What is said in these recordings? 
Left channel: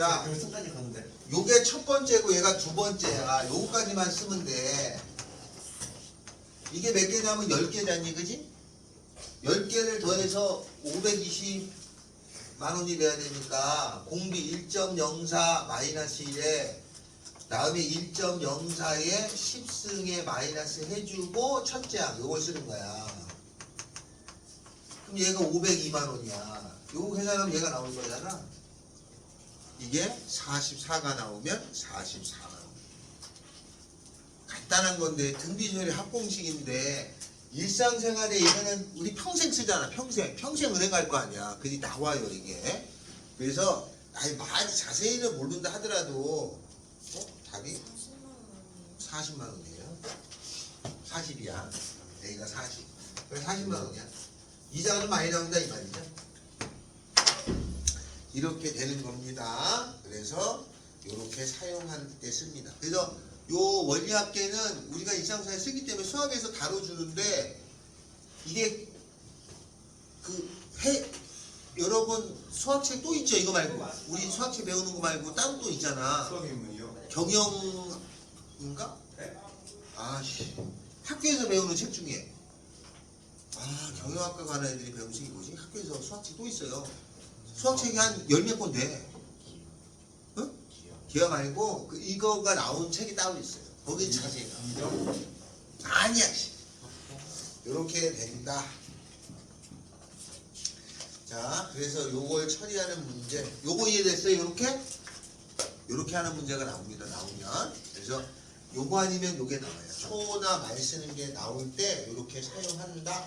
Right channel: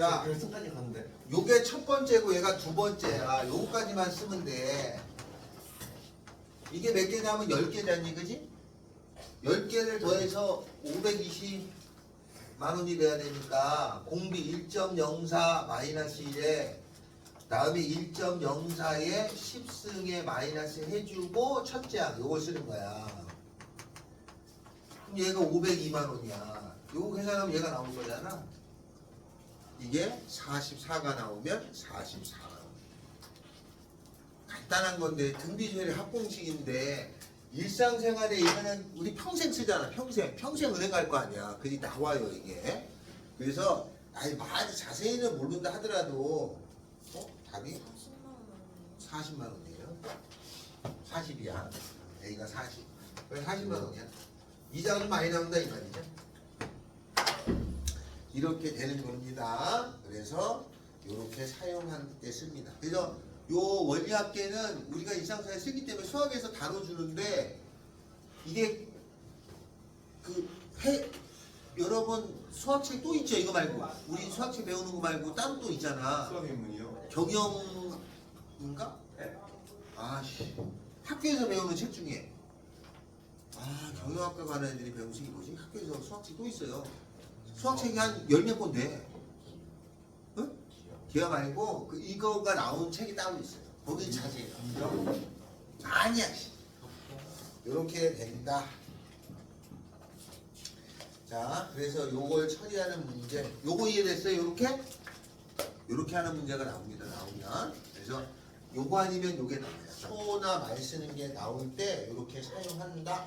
자, 결승까지 갔는데. 요게 첫 번째고 얘가 두 번째야. 요거까지만 쓰면 돼. 이게 몇 개냐면 10개잖니, 그지? 10개를 더해서 520만 원이 돼야 되니까 공비 1.04 마이너스 1에 다음에 1.04에 10승에 마이너스 해주고 첫째 항 요걸 쓰는 거야. 그럼 얘가 502만 원이야. 요거 계산하면 얘가 나올 거잖아. 이게 44가 나오면 44만 원. 간단한 건데 등비처리 합공식인데 일상생활에 이거는 우리 평생 쓰잖아. 평생 은행 갈 거 아니야. 그게 나와요 이게. 그래서 아니 많이 자세히는 모른다 하더라도 답이 40만 원이에요. 40이야. A가 40. 그래 40만 원이야. 이자가 좀 많이 나온다 이 말이죠. 이렇게 되는 겁니다. 그래서 이렇게 사용할 때 씁니다. 그래서 요 원리합계는 우리가 일상생활에 쓰기 때문에 수학에서 다뤄주는데 이게 여러분 수학책 또 있죠. 이거 말고 우리 수학책 배우는 거 말고 따로 또 있잖아. 수학인문이요? 경영인가? 네. 아씨 학교에서 배우는 책 중에 경영학과 가는 애들이 배우는 책이 뭐지? 학교에서 수학책 또 있어요. 수학책이 한 10몇 권데 응? 기억 아니고 이거가 나온 책이 따로 있어요. 거기 자세히 나와요. 아니야. 이렇게 된다. 자, 그래서 요걸 처리하는 문제, 요거 이해됐어요? 요렇게 하는 문제가 나옵니다. 나오면. 그래서 요거 아니면 요게 나와요. 초나 많이 쓰는 게 나올 때 요렇게 사용한다.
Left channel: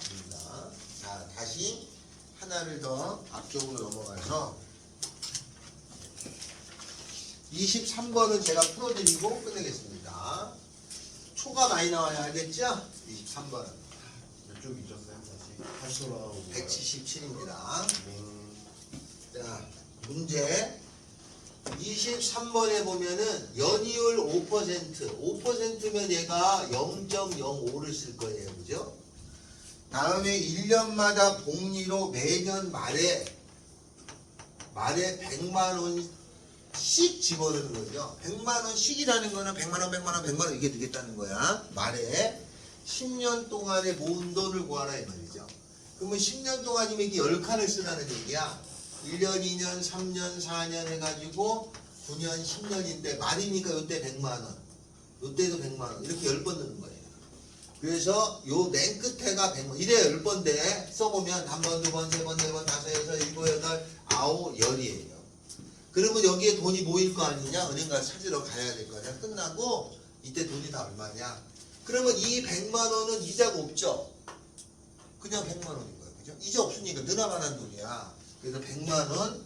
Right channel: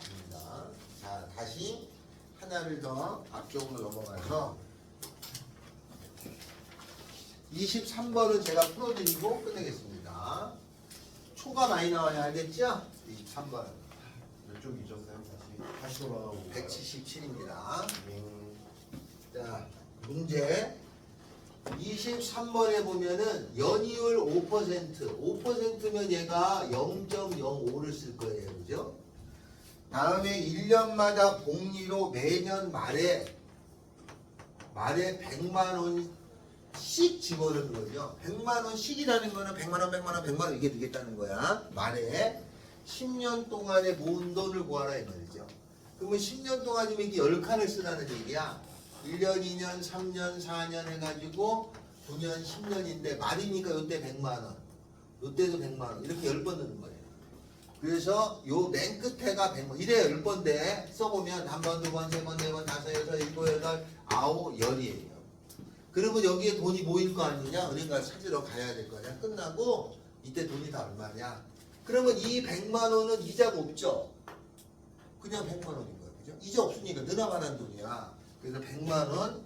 자, 다시 하나를 더 앞쪽으로 넘어가서 23번은 제가 풀어드리고 끝내겠습니다. 초가 많이 나와야 알겠죠? 23번. 몇 쪽 잊었어요? 다시 돌아가고. 177입니다. 자, 문제 23번에 보면은 연이율 5%면 얘가 0.05를 쓸 거예요. 그죠? 다음에 1년마다 복리로 매년 말에 100만 원씩 집어넣는 거죠. 100만 원씩이라는 거는 100만 원, 100만 원, 100만 원 이게 되겠다는 거야. 말에 10년 동안에 모은 돈을 구하라 이 말이죠. 그러면 10년 동안이면 이게 10칸을 쓰라는 얘기야. 1년, 2년, 3년, 4년 해가지고 9년, 10년인데 말이니까 요때 100만 원, 요때도 100만 원 이렇게 10번 넣는 거예요. 그래서 요 맨 끝에가 100번 이래 10번데 써보면 한 번, 두 번, 세 번, 네 번, 다섯, 여섯, 일곱, 여덟, 아홉, 열이에요. 그러면 여기에 돈이 모일 거 아니냐? 은행 가서 찾으러 가야 될 거 아니야? 끝나고 이때 돈이 다 얼마냐? 그러면 이 100만 원은 이자가 없죠? 그냥 100만 원인 거예요. 그죠? 이자 없으니까 늘어나는 돈이야. 그래서 100만 원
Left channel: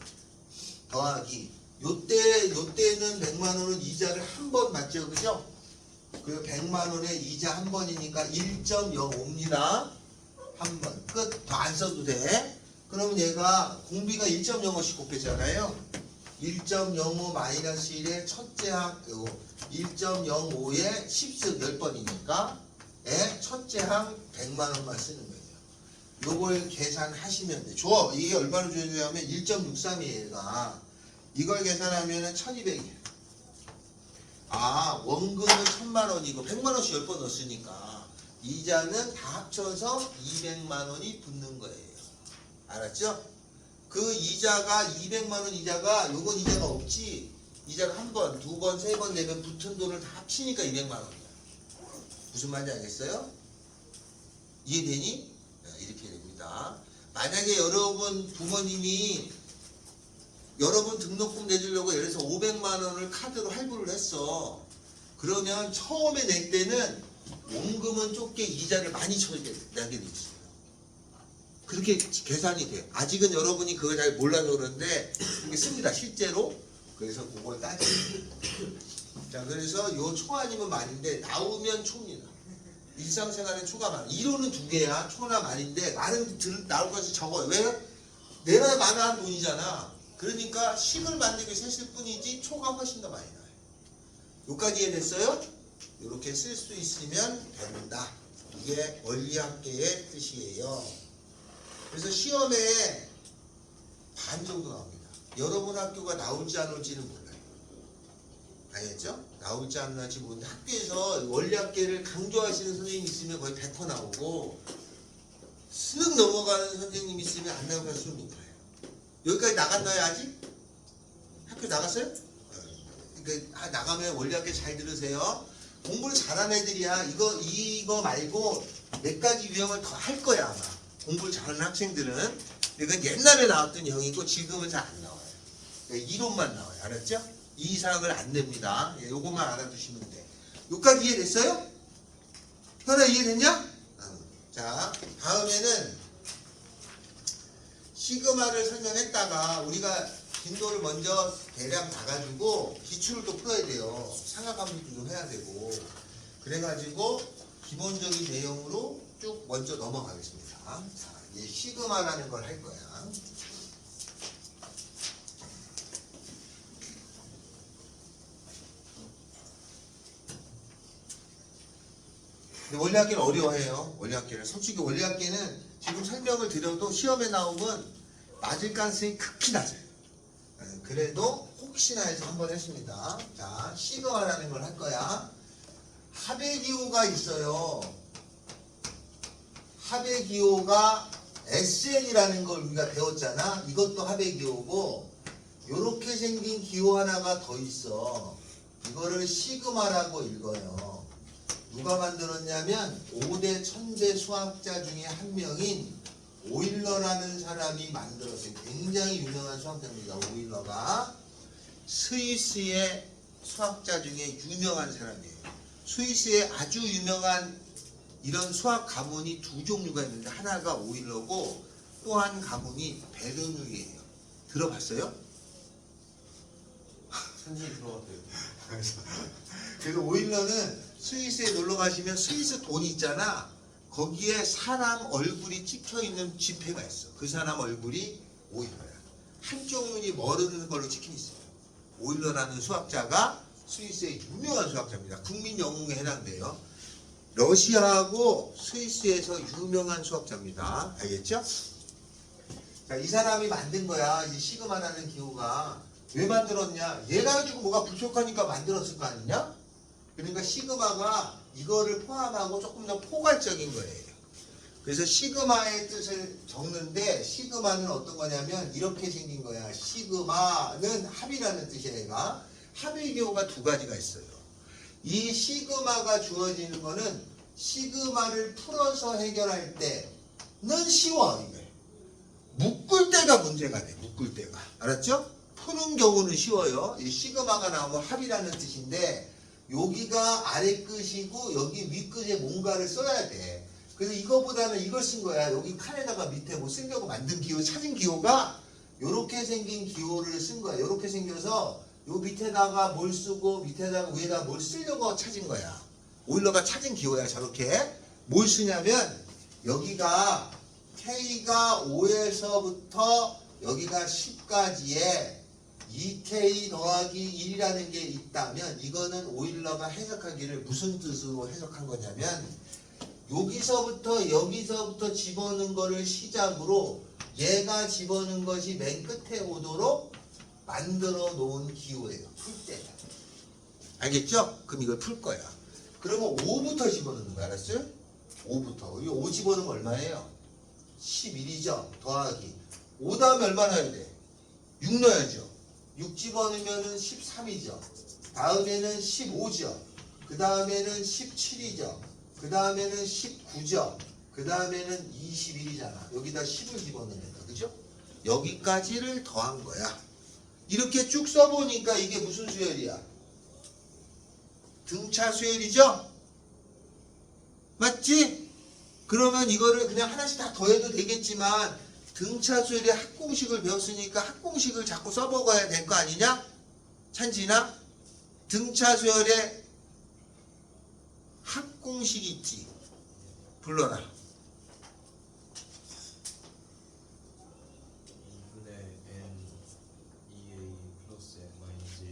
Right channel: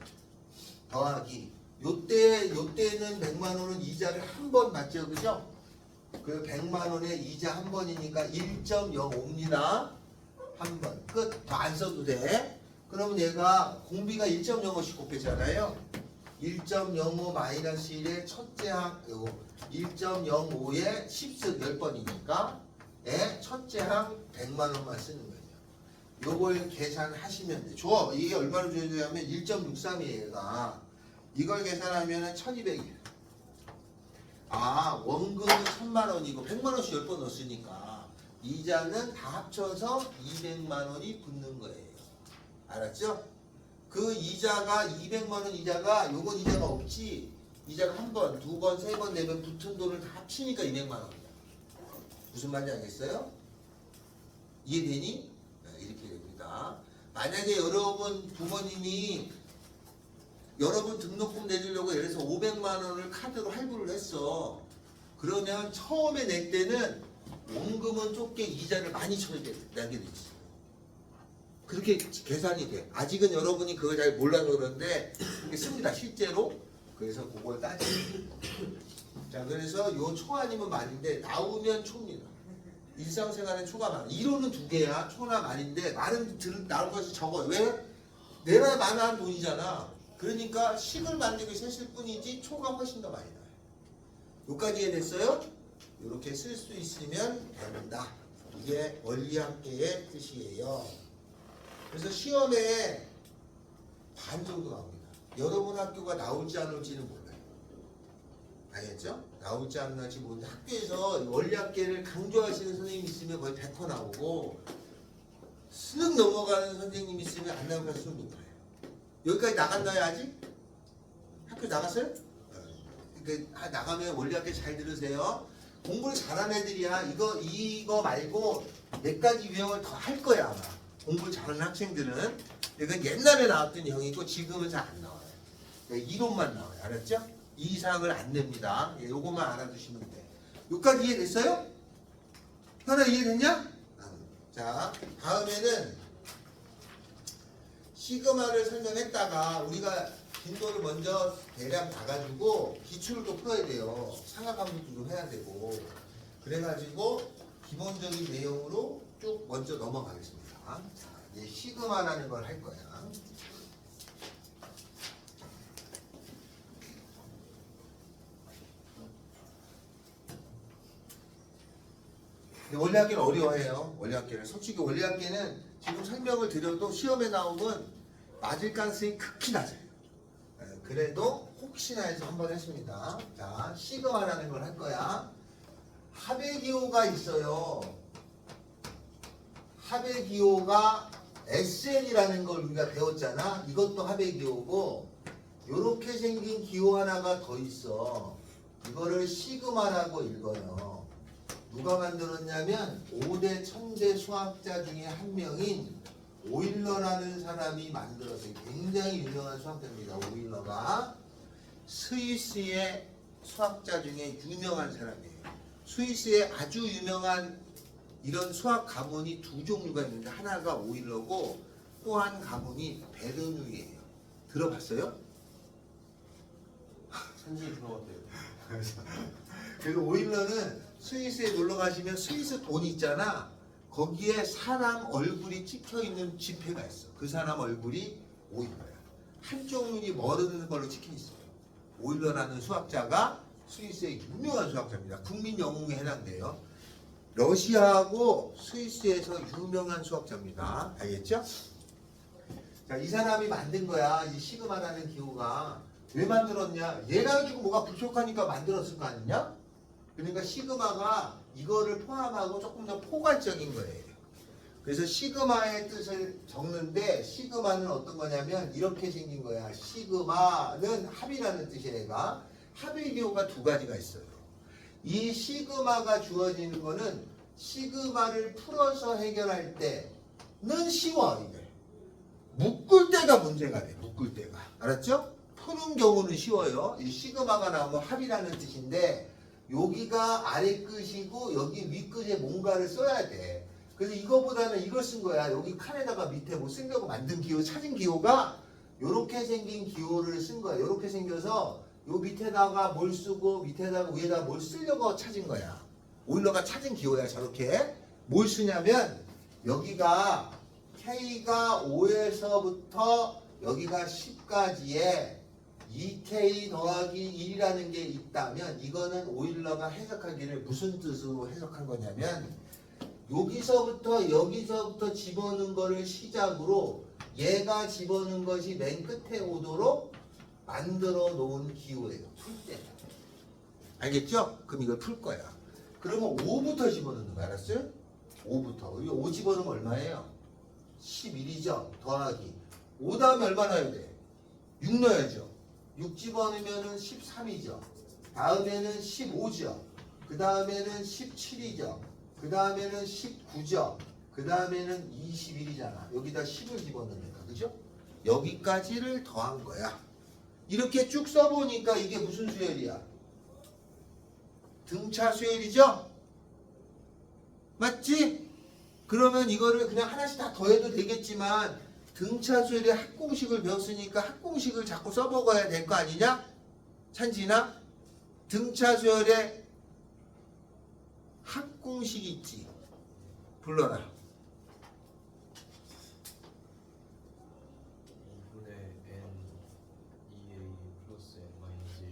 더하기 요때는 100만 원은 이자를 한 번 맞죠? 그죠? 그리고 100만 원에 이자 한 번이니까 1.05입니다. 한 번. 끝. 더 안 써도 돼. 그러면 얘가 공비가 1.05씩 곱했잖아요. 1.05 마이너스 1의 첫째 항, 1.05에 10승 10번이니까 첫째 항 100만 원만 쓰는 거예요. 요걸 계산하시면 돼. 줘. 이게 얼마나 줘야 되냐면 1.63이에요. 얘가. 이걸 계산하면 1200이에요. 원금은 1000만 원이고 100만 원씩 10번 넣었으니까 이자는 다 합쳐서 200만 원이 붙는 거예요. 알았죠? 그 이자가 200만 원 이자가 요건 이자가 없지. 이자가 한 번, 두 번, 세 번, 네 번 붙은 돈을 다 합치니까 200만 원이야. 무슨 말인지 알겠어요? 이해되니? 이렇게 됩니다. 만약에 여러분 부모님이 여러분 등록금 내주려고 예를 들어서 500만 원을 카드로 할부를 했어. 그러면 처음에 낼 때는 원금은 좁게 이자를 많이 내게 돼 있어요. 그렇게 계산이 돼. 아직은 여러분이 그걸 잘 몰라서 그런데 그렇게 씁니다. 실제로. 그래서 그걸 따지고. 자, 그래서 요 초 아니면 말인데 나오면 초입니다. 일상생활은 초가 많아. 이론은 두 개야. 초나 말인데 말은 나올 것이 적어요. 왜? 내가 많은 돈이잖아. 그러니까 10을 만들기 위해서 했을 뿐이지 초가 훨씬 더 많이 나와요. 여기까지 이해됐어요? 이렇게 쓸 수 있으면 된다. 이게 원리합계의 뜻이에요. 그래서 시험에 반 정도 나옵니다. 여러분 학교가 나올지 안 올지는 몰라요. 알겠죠? 나올지 안 나올지 모르는데 학교에서 원리학계를 강조하시는 선생님 있으면 거의 100% 나오고 수능 넘어가는 선생님 있으면 안 나올 가능성이 높아요. 여기까지 나갔나요 아직? 학교 나갔어요? 그러니까 나가면 원리학계 잘 들으세요. 공부를 잘하는 애들이야. 이거 말고 몇 가지 유형을 더 할 거야 아마. 공부를 잘하는 학생들은. 이건 옛날에 나왔던 형이고 지금은 잘 안 나와요. 그러니까 이론만 나와요. 알았죠? 이 이상을 안 냅니다. 예, 요것만 알아두시면 돼. 여기까지 이해됐어요? 현아 이해됐냐? 자, 다음에는 시그마를 설명했다가 우리가 빈도를 먼저 대략 봐가지고 기출을 또 풀어야 돼요. 상하관계도 좀 해야 되고. 그래가지고 기본적인 내용으로 쭉 먼저 넘어가겠습니다. 자, 이제 시그마라는 걸 할 거야. 근데 원리학계는 어려워해요. 원리학계는. 솔직히 원리학계는 지금 설명을 드려도 시험에 나오면 맞을 가능성이 극히 낮아요. 그래도 혹시나 해서 한번 했습니다. 자, 시그마라는 걸 할 거야. 합의 기호가 있어요. 합의 기호가 SN이라는 걸 우리가 배웠잖아. 이것도 합의 기호고 요렇게 생긴 기호 하나가 더 있어. 이거를 시그마라고 읽어요. 누가 만들었냐면 5대 1000대 수학자 중에 한 명인 오일러라는 사람이 만들었어요. 굉장히 유명한 수학자입니다. 오일러가 스위스의 수학자 중에 유명한 사람이에요. 스위스에 아주 유명한 이런 수학 가문이 두 종류가 있는데 하나가 오일러고 또 한 가문이 베르누이예요. 들어봤어요? 선생님 들어갔대요. 그래서 오일러는 스위스에 놀러 가시면 스위스 돈 있잖아. 거기에 사람 얼굴이 찍혀 있는 지폐가 있어. 그 사람 얼굴이 오일러야. 한쪽 눈이 머르는 걸로 찍혀 있어요. 오일러라는 수학자가 스위스의 유명한 수학자입니다. 국민 영웅에 해당돼요. 러시아하고 스위스에서 유명한 수학자입니다. 알겠죠? 자, 이 사람이 만든 거야. 이 시그마라는 기호가. 왜 만들었냐? 얘가 가지고 뭐가 부족하니까 만들었을 거 아니냐? 그러니까 시그마가 이거를 포함하고 조금 더 포괄적인 거예요. 그래서 시그마의 뜻을 적는데 시그마는 어떤 거냐면 이렇게 생긴 거야. 시그마는 합이라는 뜻이야. 얘가. 합의 기호가 두 가지가 있어요. 이 시그마가 주어지는 거는 시그마를 풀어서 해결할 때는 쉬워. 이게. 묶을 때가 문제가 돼. 묶을 때가. 알았죠? 푸는 경우는 쉬워요. 이 시그마가 나오면 합이라는 뜻인데 여기가 아래 끝이고 여기 위 끝에 뭔가를 써야 돼. 그래서 이거보다는 이걸 쓴 거야. 여기 칸에다가 밑에 뭐 쓰려고 만든 기호, 찾은 기호가 요렇게 생긴 기호를 쓴 거야. 요렇게 생겨서 요 밑에다가 뭘 쓰고 밑에다가 위에다가 뭘 쓰려고 찾은 거야. 오일러가 찾은 기호야. 저렇게. 뭘 쓰냐면 여기가 K가 5에서부터 여기가 10까지에 2K 더하기 1이라는 게 있다면 이거는 오일러가 해석하기를 무슨 뜻으로 해석한 거냐면 여기서부터 집어넣은 거를 시작으로 얘가 집어넣은 것이 맨 끝에 오도록 만들어 놓은 기호예요. 풀 때. 알겠죠? 그럼 이걸 풀 거야. 그러면 5부터 집어넣는 거야. 알았어요? 5부터. 여기 5 집어넣으면 얼마예요? 11이죠. 더하기. 5 다음에 얼마 넣어야 돼? 6 넣어야죠. 6 집어넣으면 13이죠. 다음에는 15죠. 그 다음에는 17이죠. 그 다음에는 19죠. 그 다음에는 21이잖아. 여기다 10을 집어넣으니까. 그죠? 여기까지를 더한 거야. 이렇게 쭉 써보니까 이게 무슨 수열이야? 등차 수열이죠? 맞지? 그러면 이거를 그냥 하나씩 다 더해도 되겠지만 등차 수열의 합공식을 배웠으니까 합공식을 자꾸 써먹어야 될 거 아니냐? 찬진아? 등차 수열의 합공식 있지? 불러라. 2분의 n 2a 플러스 n 마이너스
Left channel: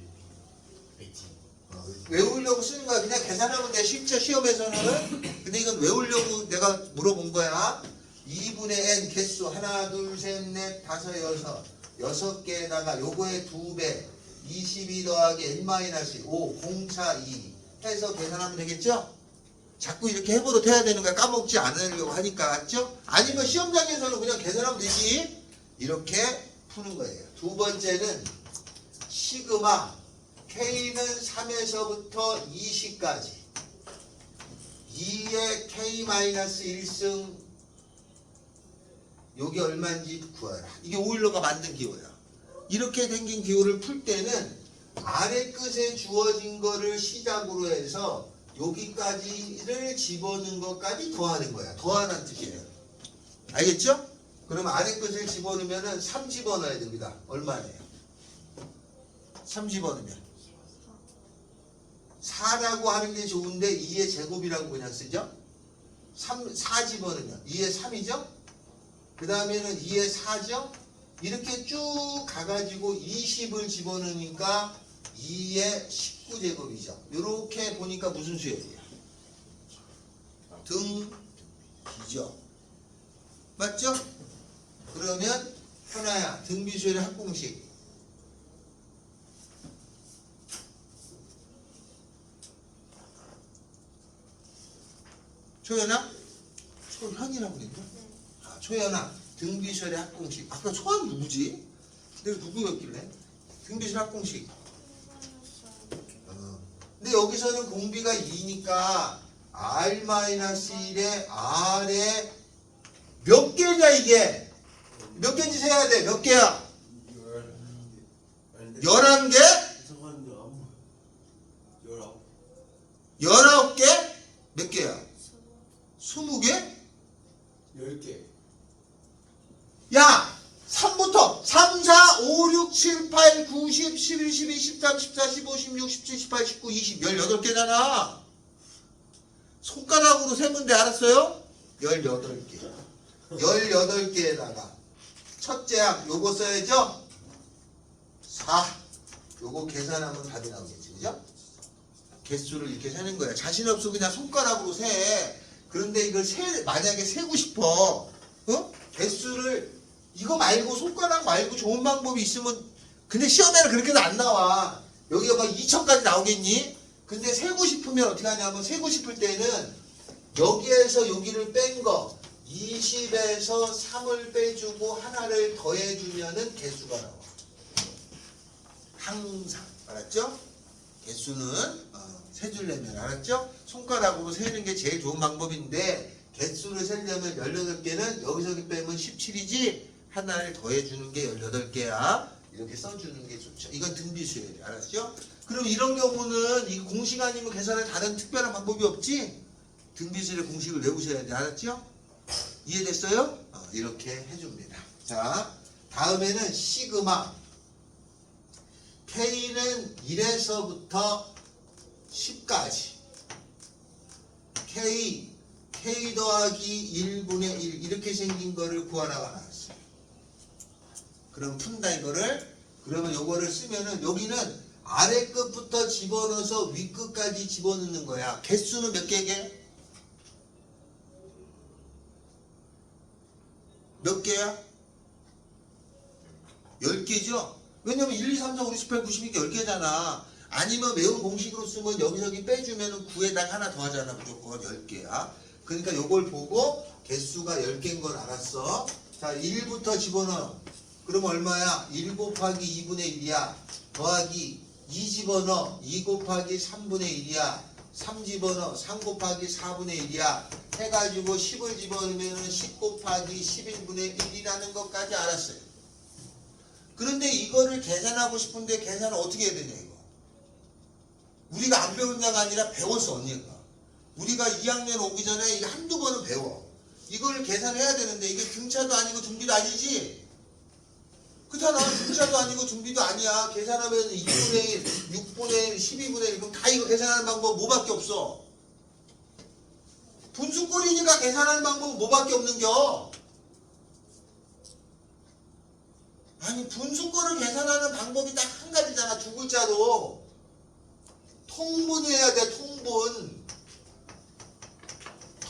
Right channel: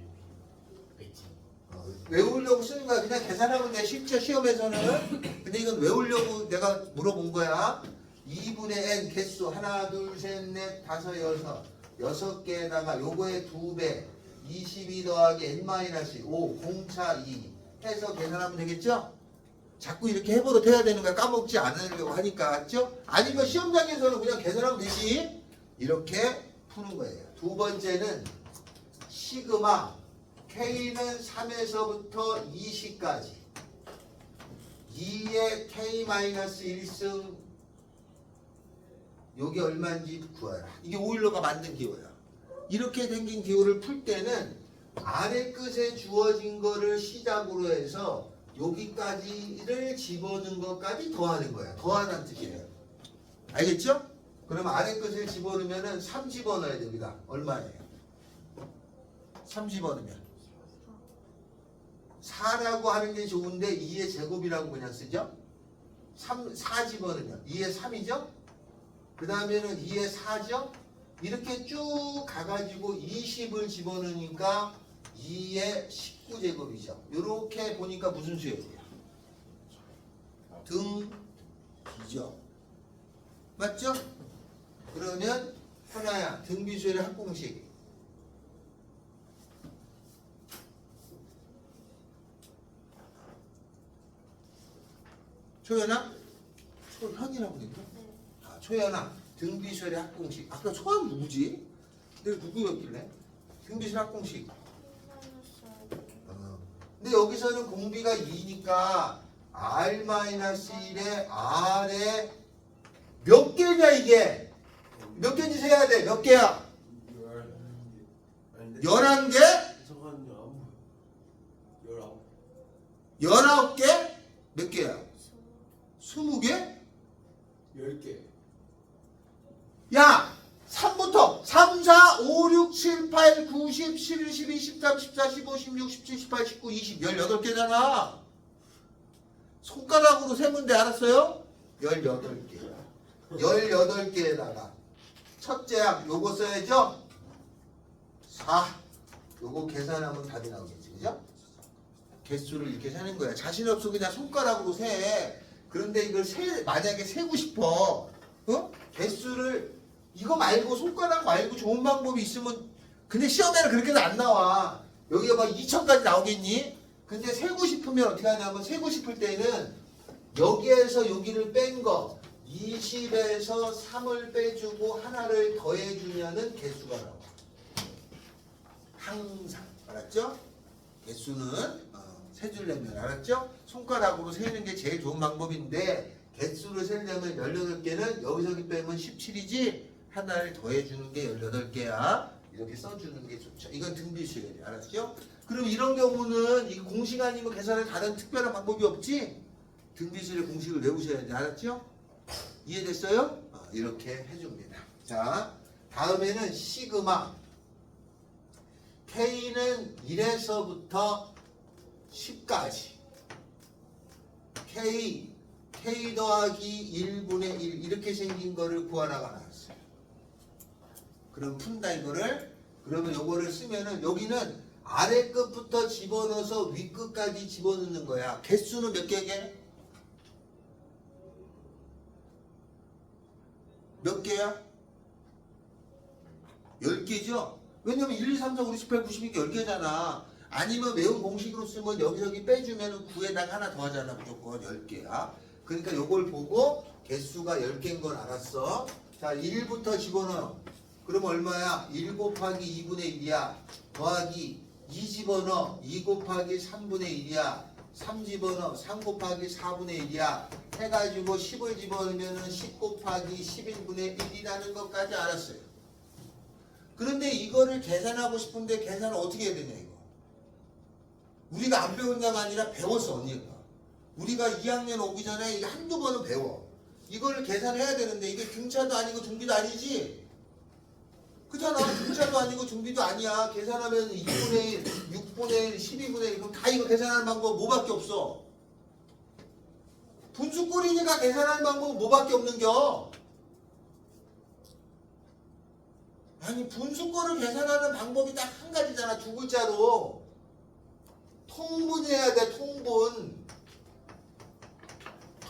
1 외우려고 쓰는 거야. 그냥 계산하면 돼. 실제 시험에서는. 근데 이건 외우려고 내가 물어본 거야. 2분의 n 개수 하나 둘 셋 넷 다섯 여섯 6개에다가 요거의 2배 22 더하기 n-5 공차 2 해서 계산하면 되겠죠? 자꾸 이렇게 해버릇 해야 되는 거야. 까먹지 않으려고 하니까. 맞죠? 아니면 시험장에서는 그냥 계산하면 되지. 이렇게 푸는 거예요. 두 번째는 시그마 K는 3에서부터 20까지 2의 K-1승 요게 얼마인지 구하라. 이게 오일러가 만든 기호야. 이렇게 생긴 기호를 풀 때는 아래 끝에 주어진 거를 시작으로 해서 여기까지를 집어넣은 것까지 더하는 거야. 더하는 뜻이에요. 알겠죠? 그럼 아래 끝을 집어넣으면 3 집어넣어야 됩니다. 얼마예요? 3 집어넣으면 4라고 하는 게 좋은데 2의 제곱이라고 그냥 쓰죠? 4 집어넣으면 2의 3이죠? 그 다음에는 2의 4죠? 이렇게 쭉 가가지고 20을 집어넣으니까 2의 19제곱이죠. 이렇게 보니까 무슨 수열이야? 등비죠. 맞죠? 그러면 현아야 등비수열의 합공식 초연아? 초현이라고 그랬나? 아, 초연아 등비수열의 합공식. 아까 초연 누구지? 내가 누구였길래? 등비수열 합공식. 근데 여기서는 공비가 2니까 R-1에 R에 몇 개냐 이게? 몇 개인지 세야 돼. 몇 개야? 11개? 19개? 몇 개야? 20개? 10개. 야! 3부터 3, 4, 5, 6, 7, 8, 9, 10, 11, 12, 13, 14, 15, 16, 17, 18, 19, 20, 18개잖아. 손가락으로 세면 돼. 알았어요? 18개. 18개에다가 첫째 항 요거 써야죠? 4. 요거 계산하면 답이 나오겠지. 그죠? 개수를 이렇게 세는 거야. 자신 없으면 그냥 손가락으로 세. 그런데 이걸 만약에 세고 싶어. 어? 개수를 이거 말고 손가락 말고 좋은 방법이 있으면 근데 시험에는 그렇게도 안 나와. 여기가 막 2천까지 나오겠니? 근데 세고 싶으면 어떻게 하냐면 세고 싶을 때는 여기에서 여기를 뺀 거 20에서 3을 빼주고 하나를 더해주면은 개수가 나와. 항상. 알았죠? 개수는 세주려면 알았죠? 손가락으로 세는 게 제일 좋은 방법인데 개수를 세려면 18개는 여기서 여기 빼면 17이지 하나를 더해주는 게 18개야. 이렇게 써주는 게 좋죠. 이건 등비수열이 알았죠? 그럼 이런 경우는 이 공식 아니면 계산할 다른 특별한 방법이 없지? 등비수열의 공식을 외우셔야 돼. 알았죠? 이해됐어요? 이렇게 해줍니다. 자, 다음에는 시그마 K는 1에서부터 10까지 K 더하기 1분의 1 이렇게 생긴 거를 구하라고 나왔어요. 그럼 푼다 이거를. 그러면 요거를 쓰면은 여기는 아래 끝부터 집어넣어서 위 끝까지 집어넣는 거야. 개수는 몇 개게? 몇 개야? 10개죠? 왜냐면 1, 2, 3, 4, 5, 6, 7, 8, 9, 10이니까 10개잖아. 아니면 매운 공식으로 쓰면 여기저기 빼주면 9에다가 하나 더 하잖아. 무조건 10개야. 그러니까 요걸 보고 개수가 10개인 걸 알았어. 자, 1부터 집어넣어. 그럼 얼마야? 1 곱하기 2분의 1이야. 더하기 2 집어넣어. 2 곱하기 3분의 1이야. 3 집어넣어. 3 곱하기 4분의 1이야. 해가지고 10을 집어넣으면 10 곱하기 11분의 1이라는 것까지 알았어요. 그런데 이거를 계산하고 싶은데 계산을 어떻게 해야 되냐 이거. 우리가 안 배웠냐가 아니라 배웠어 언니가. 우리가 2학년 오기 전에 이게 한두 번은 배워. 이걸 계산해야 되는데 이게 등차도 아니고 등비도 아니지. 그렇잖아. 등차도 아니고 등비도 아니야. 계산하면 2분의 1, 6분의 1, 12분의 1 그럼 다 이거 계산하는 방법 뭐밖에 없어. 분수꼴이니까 계산하는 방법은 뭐밖에 없는겨. 아니 분수꼴을 계산하는 방법이 딱 한 가지잖아. 두 글자로. 통분해야 돼. 통분.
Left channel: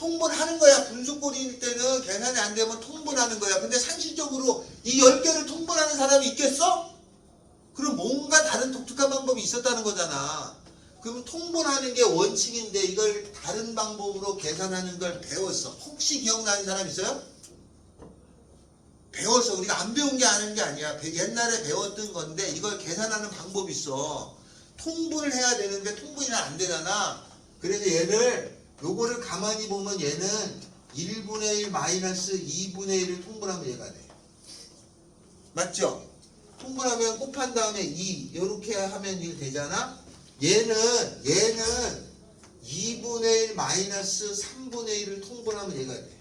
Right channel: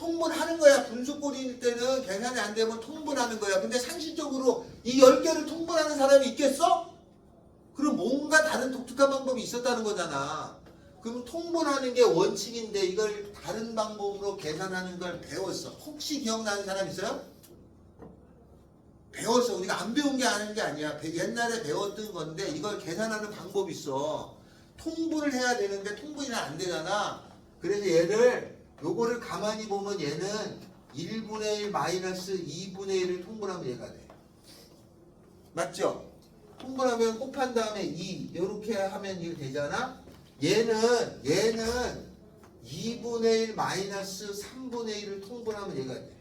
통분하는 거야. 분수꼴일 때는 계산이 안 되면 통분하는 거야. 근데 상식적으로 이 10개를 통분하는 사람이 있겠어? 그럼 뭔가 다른 독특한 방법이 있었다는 거잖아. 그럼 통분하는 게 원칙인데 이걸 다른 방법으로 계산하는 걸 배웠어. 혹시 기억나는 사람 있어요? 배웠어. 우리가 안 배운 게 아닌 게 아니야. 옛날에 배웠던 건데 이걸 계산하는 방법이 있어. 통분을 해야 되는데 통분이 안 되잖아. 그래서 얘를 요거를 가만히 보면 얘는 1분의 1 마이너스 2분의 1을 통분하면 얘가 돼. 맞죠? 통분하면 곱한 다음에 2 이렇게 하면 1 되잖아. 얘는 2분의 1 마이너스 3분의 1을 통분하면 얘가 돼.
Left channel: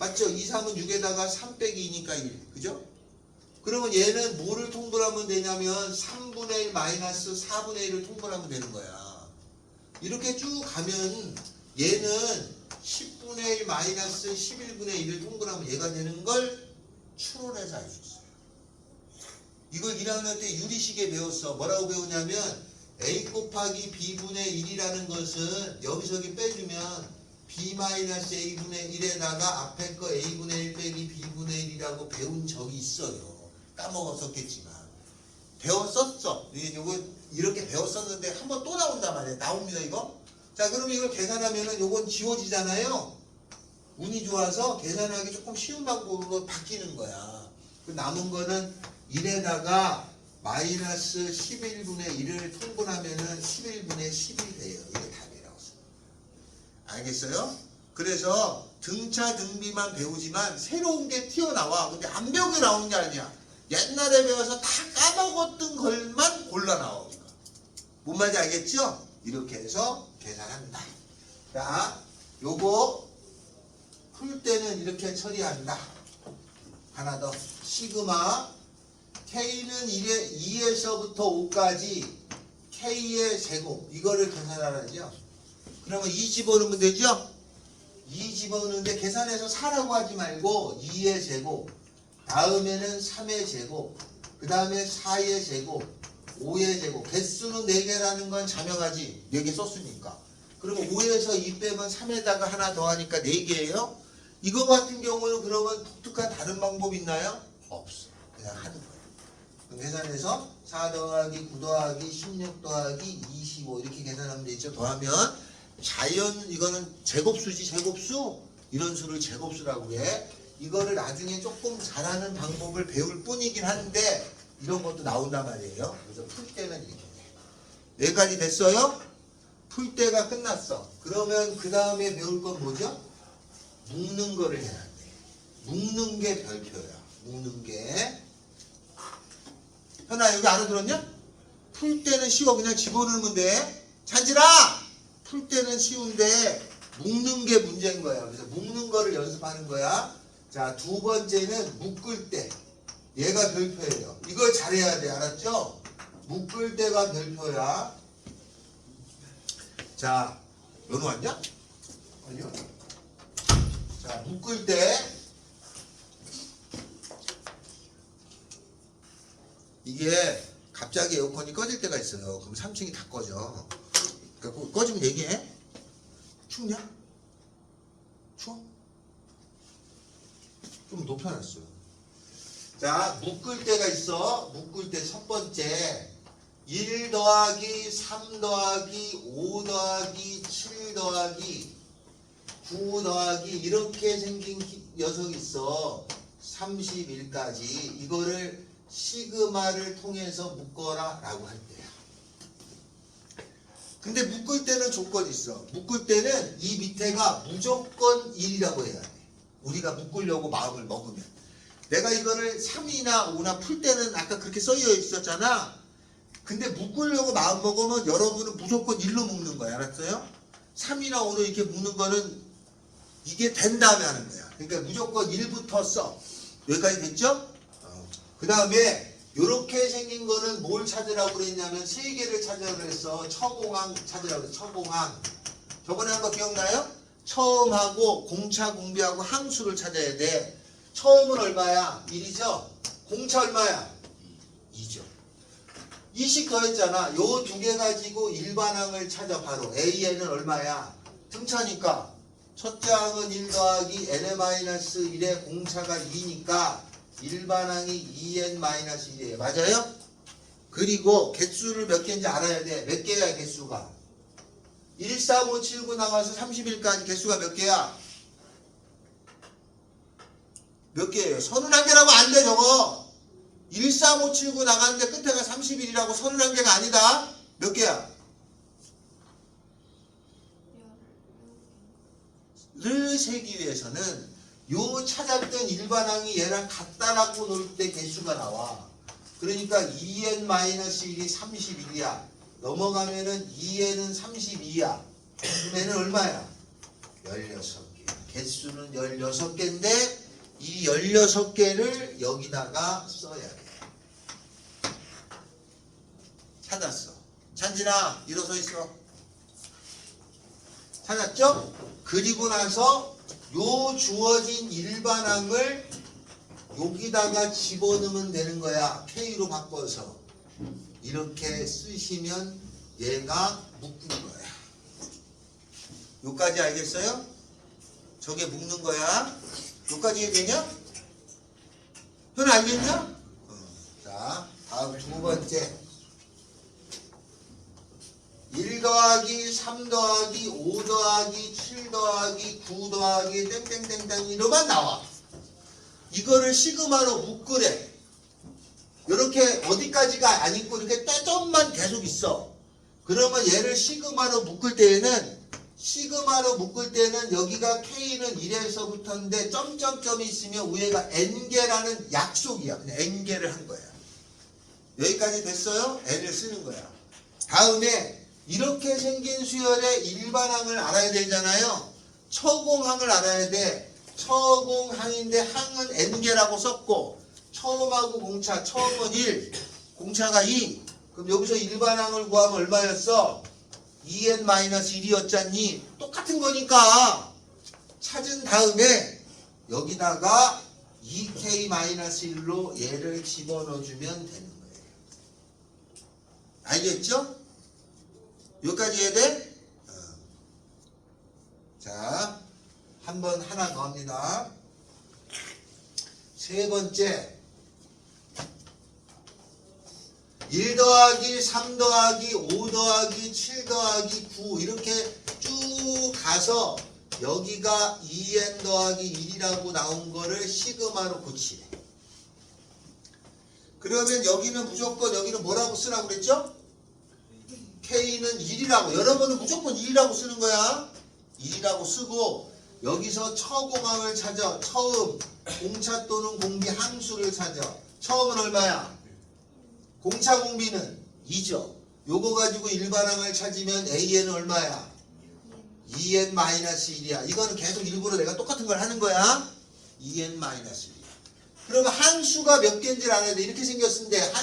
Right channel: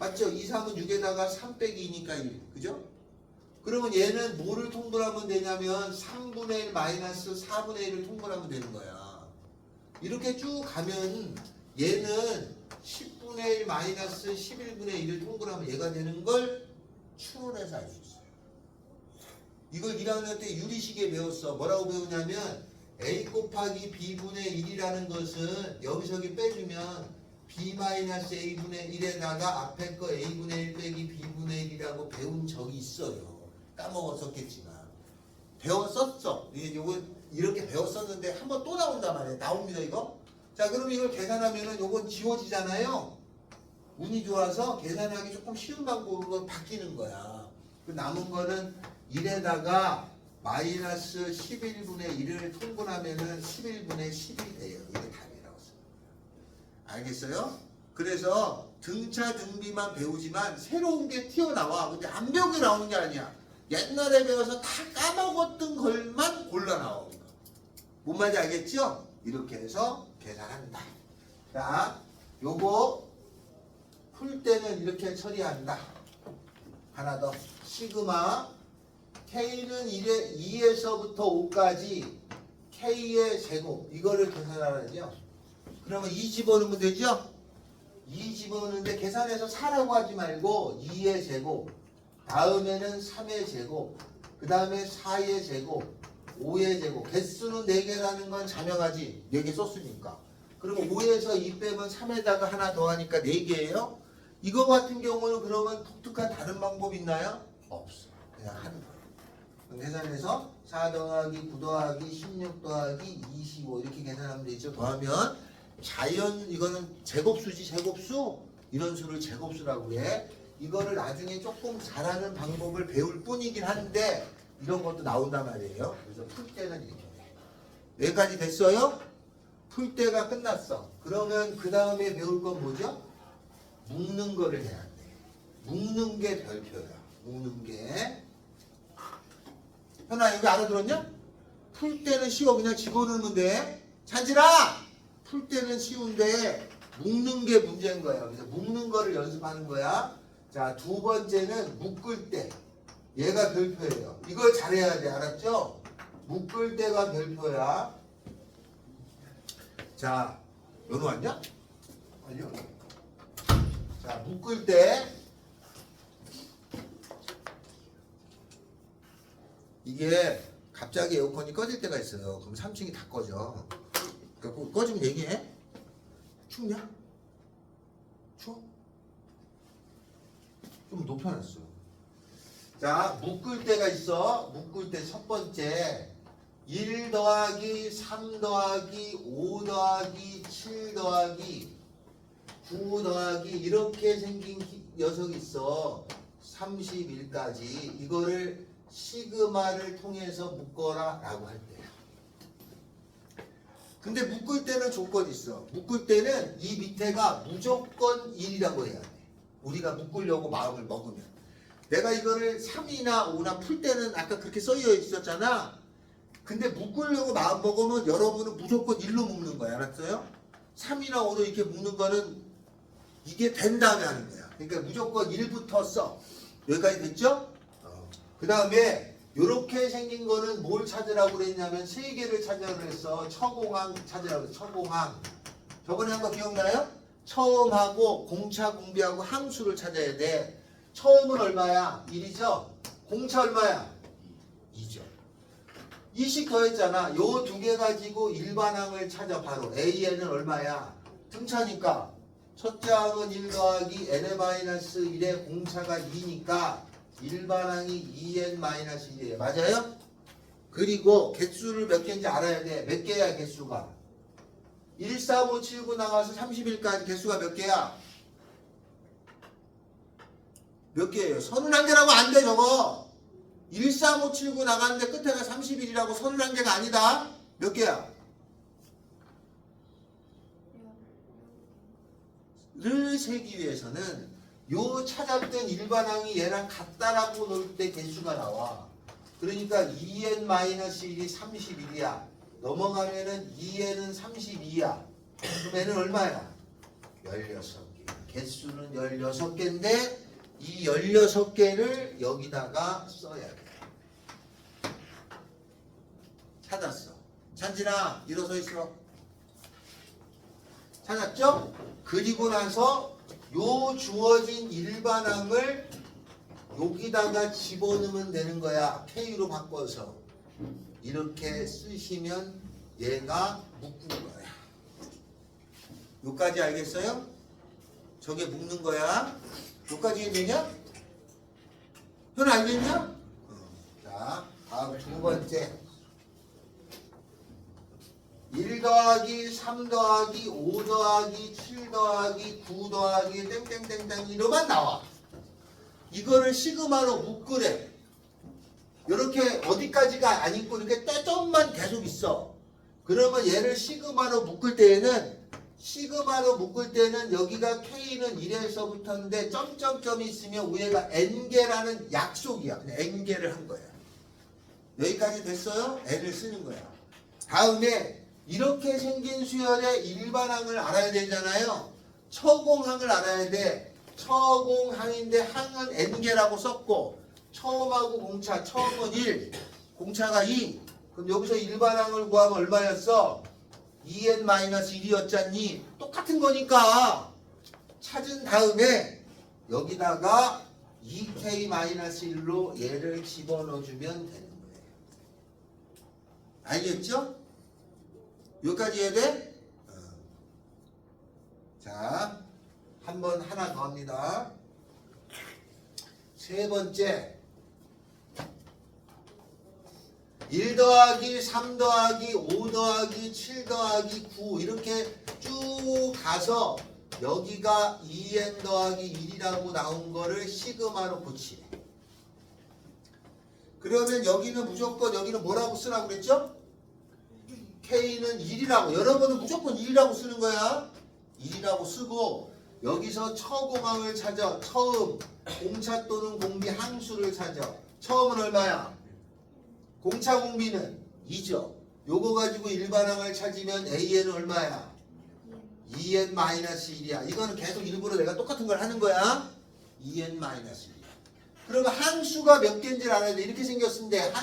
맞죠? 2, 3은 6에다가 3 빼기 2니까 1. 그죠? 그러면 얘는 뭐를 통분하면 되냐면 3분의 1 마이너스 4분의 1을 통분하면 되는 거야. 이렇게 쭉 가면 얘는 10분의 1 마이너스 11분의 1을 통분하면 얘가 되는 걸 추론해서 알 수 있어. 이걸 1학년 때 유리식에 배웠어. 뭐라고 배우냐면 a 곱하기 b분의 1이라는 것은 여기저기 빼주면 b 마이너스 a분의 1에다가 앞에 거 a분의 1 빼기 b분의 1이라고 배운 적이 있어요. 까먹었었겠지만 배웠었어. 이거 이렇게 배웠었는데 한번 또 나온단 말이에요. 나옵니다 이거. 자 그럼 이걸 계산하면은 요건 지워지잖아요. 운이 좋아서 계산하기 조금 쉬운 방법으로 바뀌는 거야. 그 남은 거는 1에다가 마이너스 11분의 1을 통분하면은 11분의 10이 돼요. 이게 답이라고 써. 알겠어요? 그래서 등차 등비만 배우지만 새로운 게 튀어나와. 근데 안 배우게 나오는 게 아니야. 옛날에 배워서 다 까먹었던 걸만 골라 나오는 거. 뭔 말인지 알겠죠? 이렇게 해서 계산한다. 자, 요거 풀 때는 이렇게 처리한다. 하나 더. 시그마 K는 2에서부터 5까지 K의 제곱 이거를 계산하라죠. 그러면 2 집어넣으면 되죠? 2 집어넣는데 계산해서 4라고 하지 말고 2의 제곱 다음에는 3의 제곱 그 다음에 4의 제곱 5의 제곱 개수는 4개라는 건 자명하지 4개 썼으니까. 그리고 5에서 2 빼면 3에다가 하나 더 하니까 4개예요. 이거 같은 경우는 그러면 독특한 다른 방법 있나요? 없어. 그냥 하는 거예요. 그럼 계산해서 4 더하기 9 더하기 16 더하기 25 이렇게 계산하면 되죠. 더하면 자연 이거는 제곱수지 제곱수 이런 수를 제곱수라고 해. 이거를 나중에 조금 잘하는 방법을 배울 뿐이긴 한데 이런 것도 나온단 말이에요. 그래서 풀 때는 이렇게 돼. 여기까지 됐어요? 풀 때가 끝났어. 그러면 그 다음에 배울 건 뭐죠? 묶는 거를 해야 돼. 묶는 게 별표야. 묶는 게. 현아 여기 알아들었냐? 풀 때는 쉬워. 그냥 집어넣으면 돼. 찬진아! 풀 때는 쉬운데 묶는 게 문제인 거야. 그래서 묶는 거를 연습하는 거야. 자, 두 번째는 묶을 때. 얘가 별표예요. 이걸 잘해야 돼. 알았죠? 묶을 때가 별표야. 자, 연우 왔냐? 아니요. 자, 묶을 때 이게 갑자기 에어컨이 꺼질 때가 있어요. 그럼 3층이 다 꺼져. 그러니까 꺼지면 얘기해. 춥냐? 추워? 좀 높여놨어. 자, 묶을 때가 있어. 묶을 때 첫 번째 1 더하기 3 더하기 5 더하기 7 더하기 9 더하기 이렇게 생긴 녀석이 있어. 31까지 이거를 시그마를 통해서 묶어라 라고 할 때야. 근데 묶을 때는 조건이 있어. 묶을 때는 이 밑에가 무조건 1이라고 해야 돼. 우리가 묶으려고 마음을 먹으면. 내가 이거를 3이나 5나 풀 때는 아까 그렇게 써져 있었잖아. 근데 묶으려고 마음 먹으면 여러분은 무조건 1로 묶는 거야. 알았어요? 3이나 5로 이렇게 묶는 거는 이게 된 다음에 하는 거야. 그러니까 무조건 1부터 써. 여기까지 됐죠? 그 다음에 이렇게 생긴 거는 뭘 찾으라고 그랬냐면 3개를 찾으라고 그랬어. 처공항 찾으라고 그랬어. 처공항. 저번에 한 거 기억나요? 처음하고 공차 공비하고 항수를 찾아야 돼. 처음은 얼마야? 1이죠? 공차 얼마야? 2죠. 2씩 더했잖아. 요 두 개 가지고 일반항을 찾아 바로. A에는 얼마야? 등차니까 첫째 항은 1 더하기 n-1의 공차가 2니까 일반항이 2n-1이에요. 맞아요? 그리고 개수를 몇 개인지 알아야 돼. 몇 개야 개수가? 1, 4, 5, 7, 9 나가서 30일까지 개수가 몇 개야? 몇 개예요? 31개라고 안 돼 저거. 1, 4, 5, 7, 9 나가는데 끝에가 30일이라고 31개가 아니다. 몇 개야? 를 세기 위해서는 요 찾았던 일반항이 얘랑 같다라고 놓을 때 개수가 나와. 그러니까 2n-1이 31이야. 넘어가면은 2n은 32야. 그럼 얘는 얼마야? 16개. 개수는 16개인데 이 16개를 여기다가 써야 돼. 찾았어. 찬진아, 일어서 있어. 찾았죠? 그리고 나서 요 주어진 일반항을 여기다가 집어넣으면 되는 거야. K로 바꿔서. 이렇게 쓰시면 얘가 묶은 거야. 요까지 알겠어요? 저게 묶는 거야. 요까지 얘기냐? 현 알겠냐? 자, 다음 두 번째. 1 더하기 3 더하기 5 더하기 7 더하기 9 더하기 땡땡땡땡 이러면 나와. 이거를 시그마로 묶으래. 이렇게 어디까지가 안 있고 이렇게 떼점만 계속 있어. 그러면 얘를 시그마로 묶을 때에는 여기가 K는 1에서부터인데 점점점이 있으면 위에가 N개라는 약속이야. 그냥 N개를 한 거야. 여기까지 됐어요? N을 쓰는 거야. 다음에 이렇게 생긴 수열의 일반항을 알아야 되잖아요. 처공항을 알아야 돼. 처공항인데 항은 n개라고 썼고 처음하고 공차, 처음은 1, 공차가 2. 그럼 여기서 일반항을 구하면 얼마였어? 2n-1이었잖니. 똑같은 거니까 찾은 다음에 여기다가 2k-1로 얘를 집어넣어주면 되는 거예요. 알겠죠? 여기까지 해야 돼? 자, 한번 하나 더 합니다. 세 번째. 1 더하기 3 더하기 5 더하기 7 더하기 9 이렇게 쭉 가서 여기가 2n 더하기 1이라고 나온 거를 시그마로 고치래. 그러면 여기는 무조건 여기는 뭐라고 쓰라고 그랬죠? K는 1이라고. 여러분은 무조건 1이라고 쓰는 거야. 1이라고 쓰고 여기서 처공항을 찾아. 처음 공차 또는 공비 항수를 찾아. 처음은 얼마야? 공차 공비는 2죠. 요거 가지고 일반항을 찾으면 AN은 얼마야? 2n-1이야. 이거는 계속 일부러 내가 똑같은 걸 하는 거야. 2n-1이야. 그러면 항수가 몇 개인지를 알아야 돼. 이렇게 생겼는데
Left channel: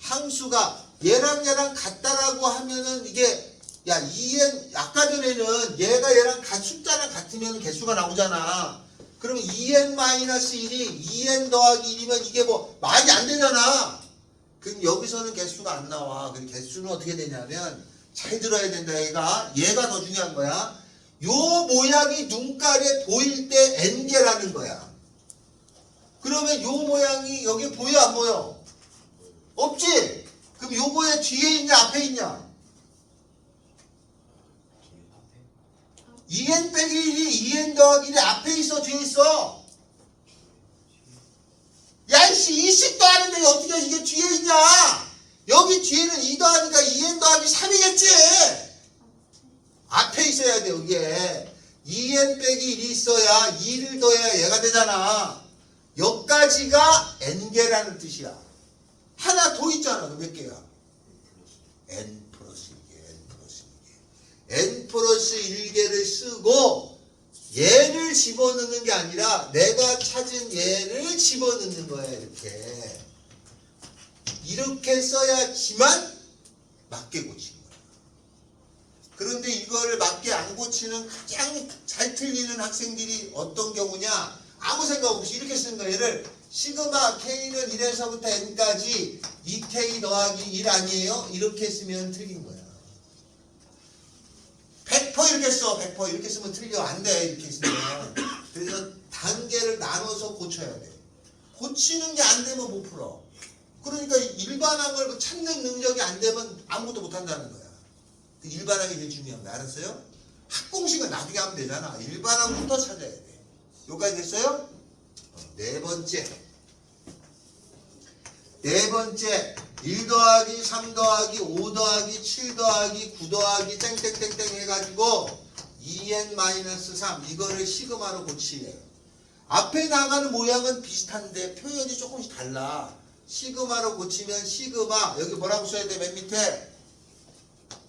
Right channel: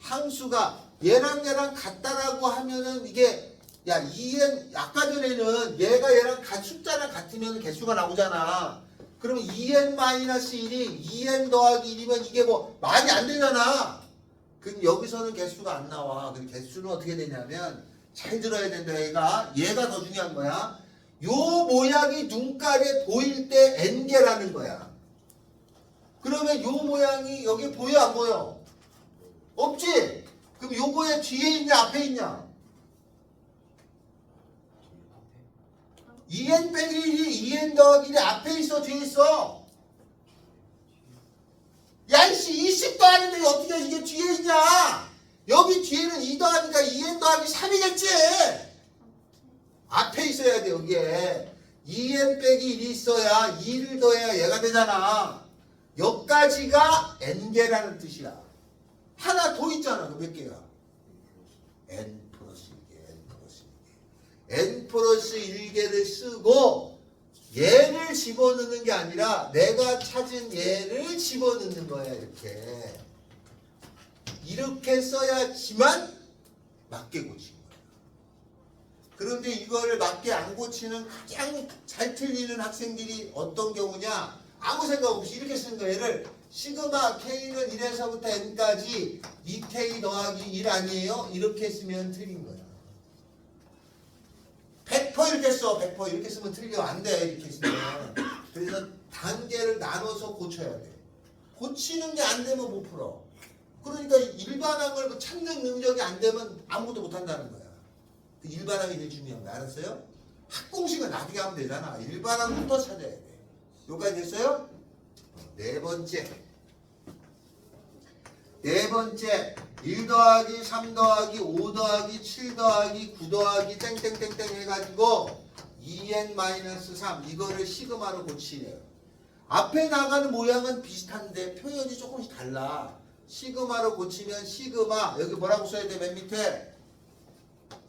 항수가 얘랑 같다라고 하면은 이게 야 2n 아까 전에는 얘가 얘랑 숫자랑 같으면 개수가 나오잖아. 그러면 2n-1이 2n 더하기 1이면 이게 뭐 말이 안 되잖아. 그럼 여기서는 개수가 안 나와. 그럼 개수는 어떻게 되냐면 잘 들어야 된다. 얘가 더 중요한 거야. 요 모양이 눈깔에 보일 때 n개라는 거야. 그러면 요 모양이 여기 보여 안 보여? 없지? 그럼 요거에 뒤에 있냐 앞에 있냐? 2n 빼기 1이 2n 더하기 1이 앞에 있어 뒤에 있어? 야이씨 2씩 더하는데 어떻게 이게 뒤에 있냐? 여기 뒤에는 2 더하니까 2n 더하기 3이겠지? 앞에 있어야 돼 여기에. 2n 빼기 1이 있어야 2를 더해야 얘가 되잖아. 여기까지가 n개라는 뜻이야. 하나 더 있잖아. 몇 개야? n 플러스 1개, n 플러스 1개를 쓰고 얘를 집어넣는 게 아니라 내가 찾은 얘를 집어넣는 거야. 이렇게 써야지만 맞게 고치는 거야. 그런데 이거를 맞게 안 고치는 가장 잘 틀리는 학생들이 어떤 경우냐? 아무 생각 없이 이렇게 쓰는 거야. 얘를 시그마 K는 1에서부터 N까지 2K 더하기 1 아니에요? 이렇게 쓰면 틀린 거야. 100% 틀겠어 100% 이렇게 쓰면 틀려 안 돼 이렇게 쓰면. 그래서 단계를 나눠서 고쳐야 돼. 고치는 게 안 되면 못 풀어. 그러니까 일반항을 찾는 능력이 안 되면 아무것도 못 한다는 거야. 그 일반항이 제일 중요합니다. 알았어요? 학공식은 나중에 하면 되잖아. 일반항부터 찾아야 돼. 여기까지 됐어요? 네 번째 1 더하기 3 더하기 5 더하기 7 더하기 9 더하기 땡땡땡땡 해가지고 2n-3 이거를 시그마로 고치래요. 앞에 나가는 모양은 비슷한데 표현이 조금씩 달라. 시그마로 고치면 시그마 여기 뭐라고 써야 돼? 맨 밑에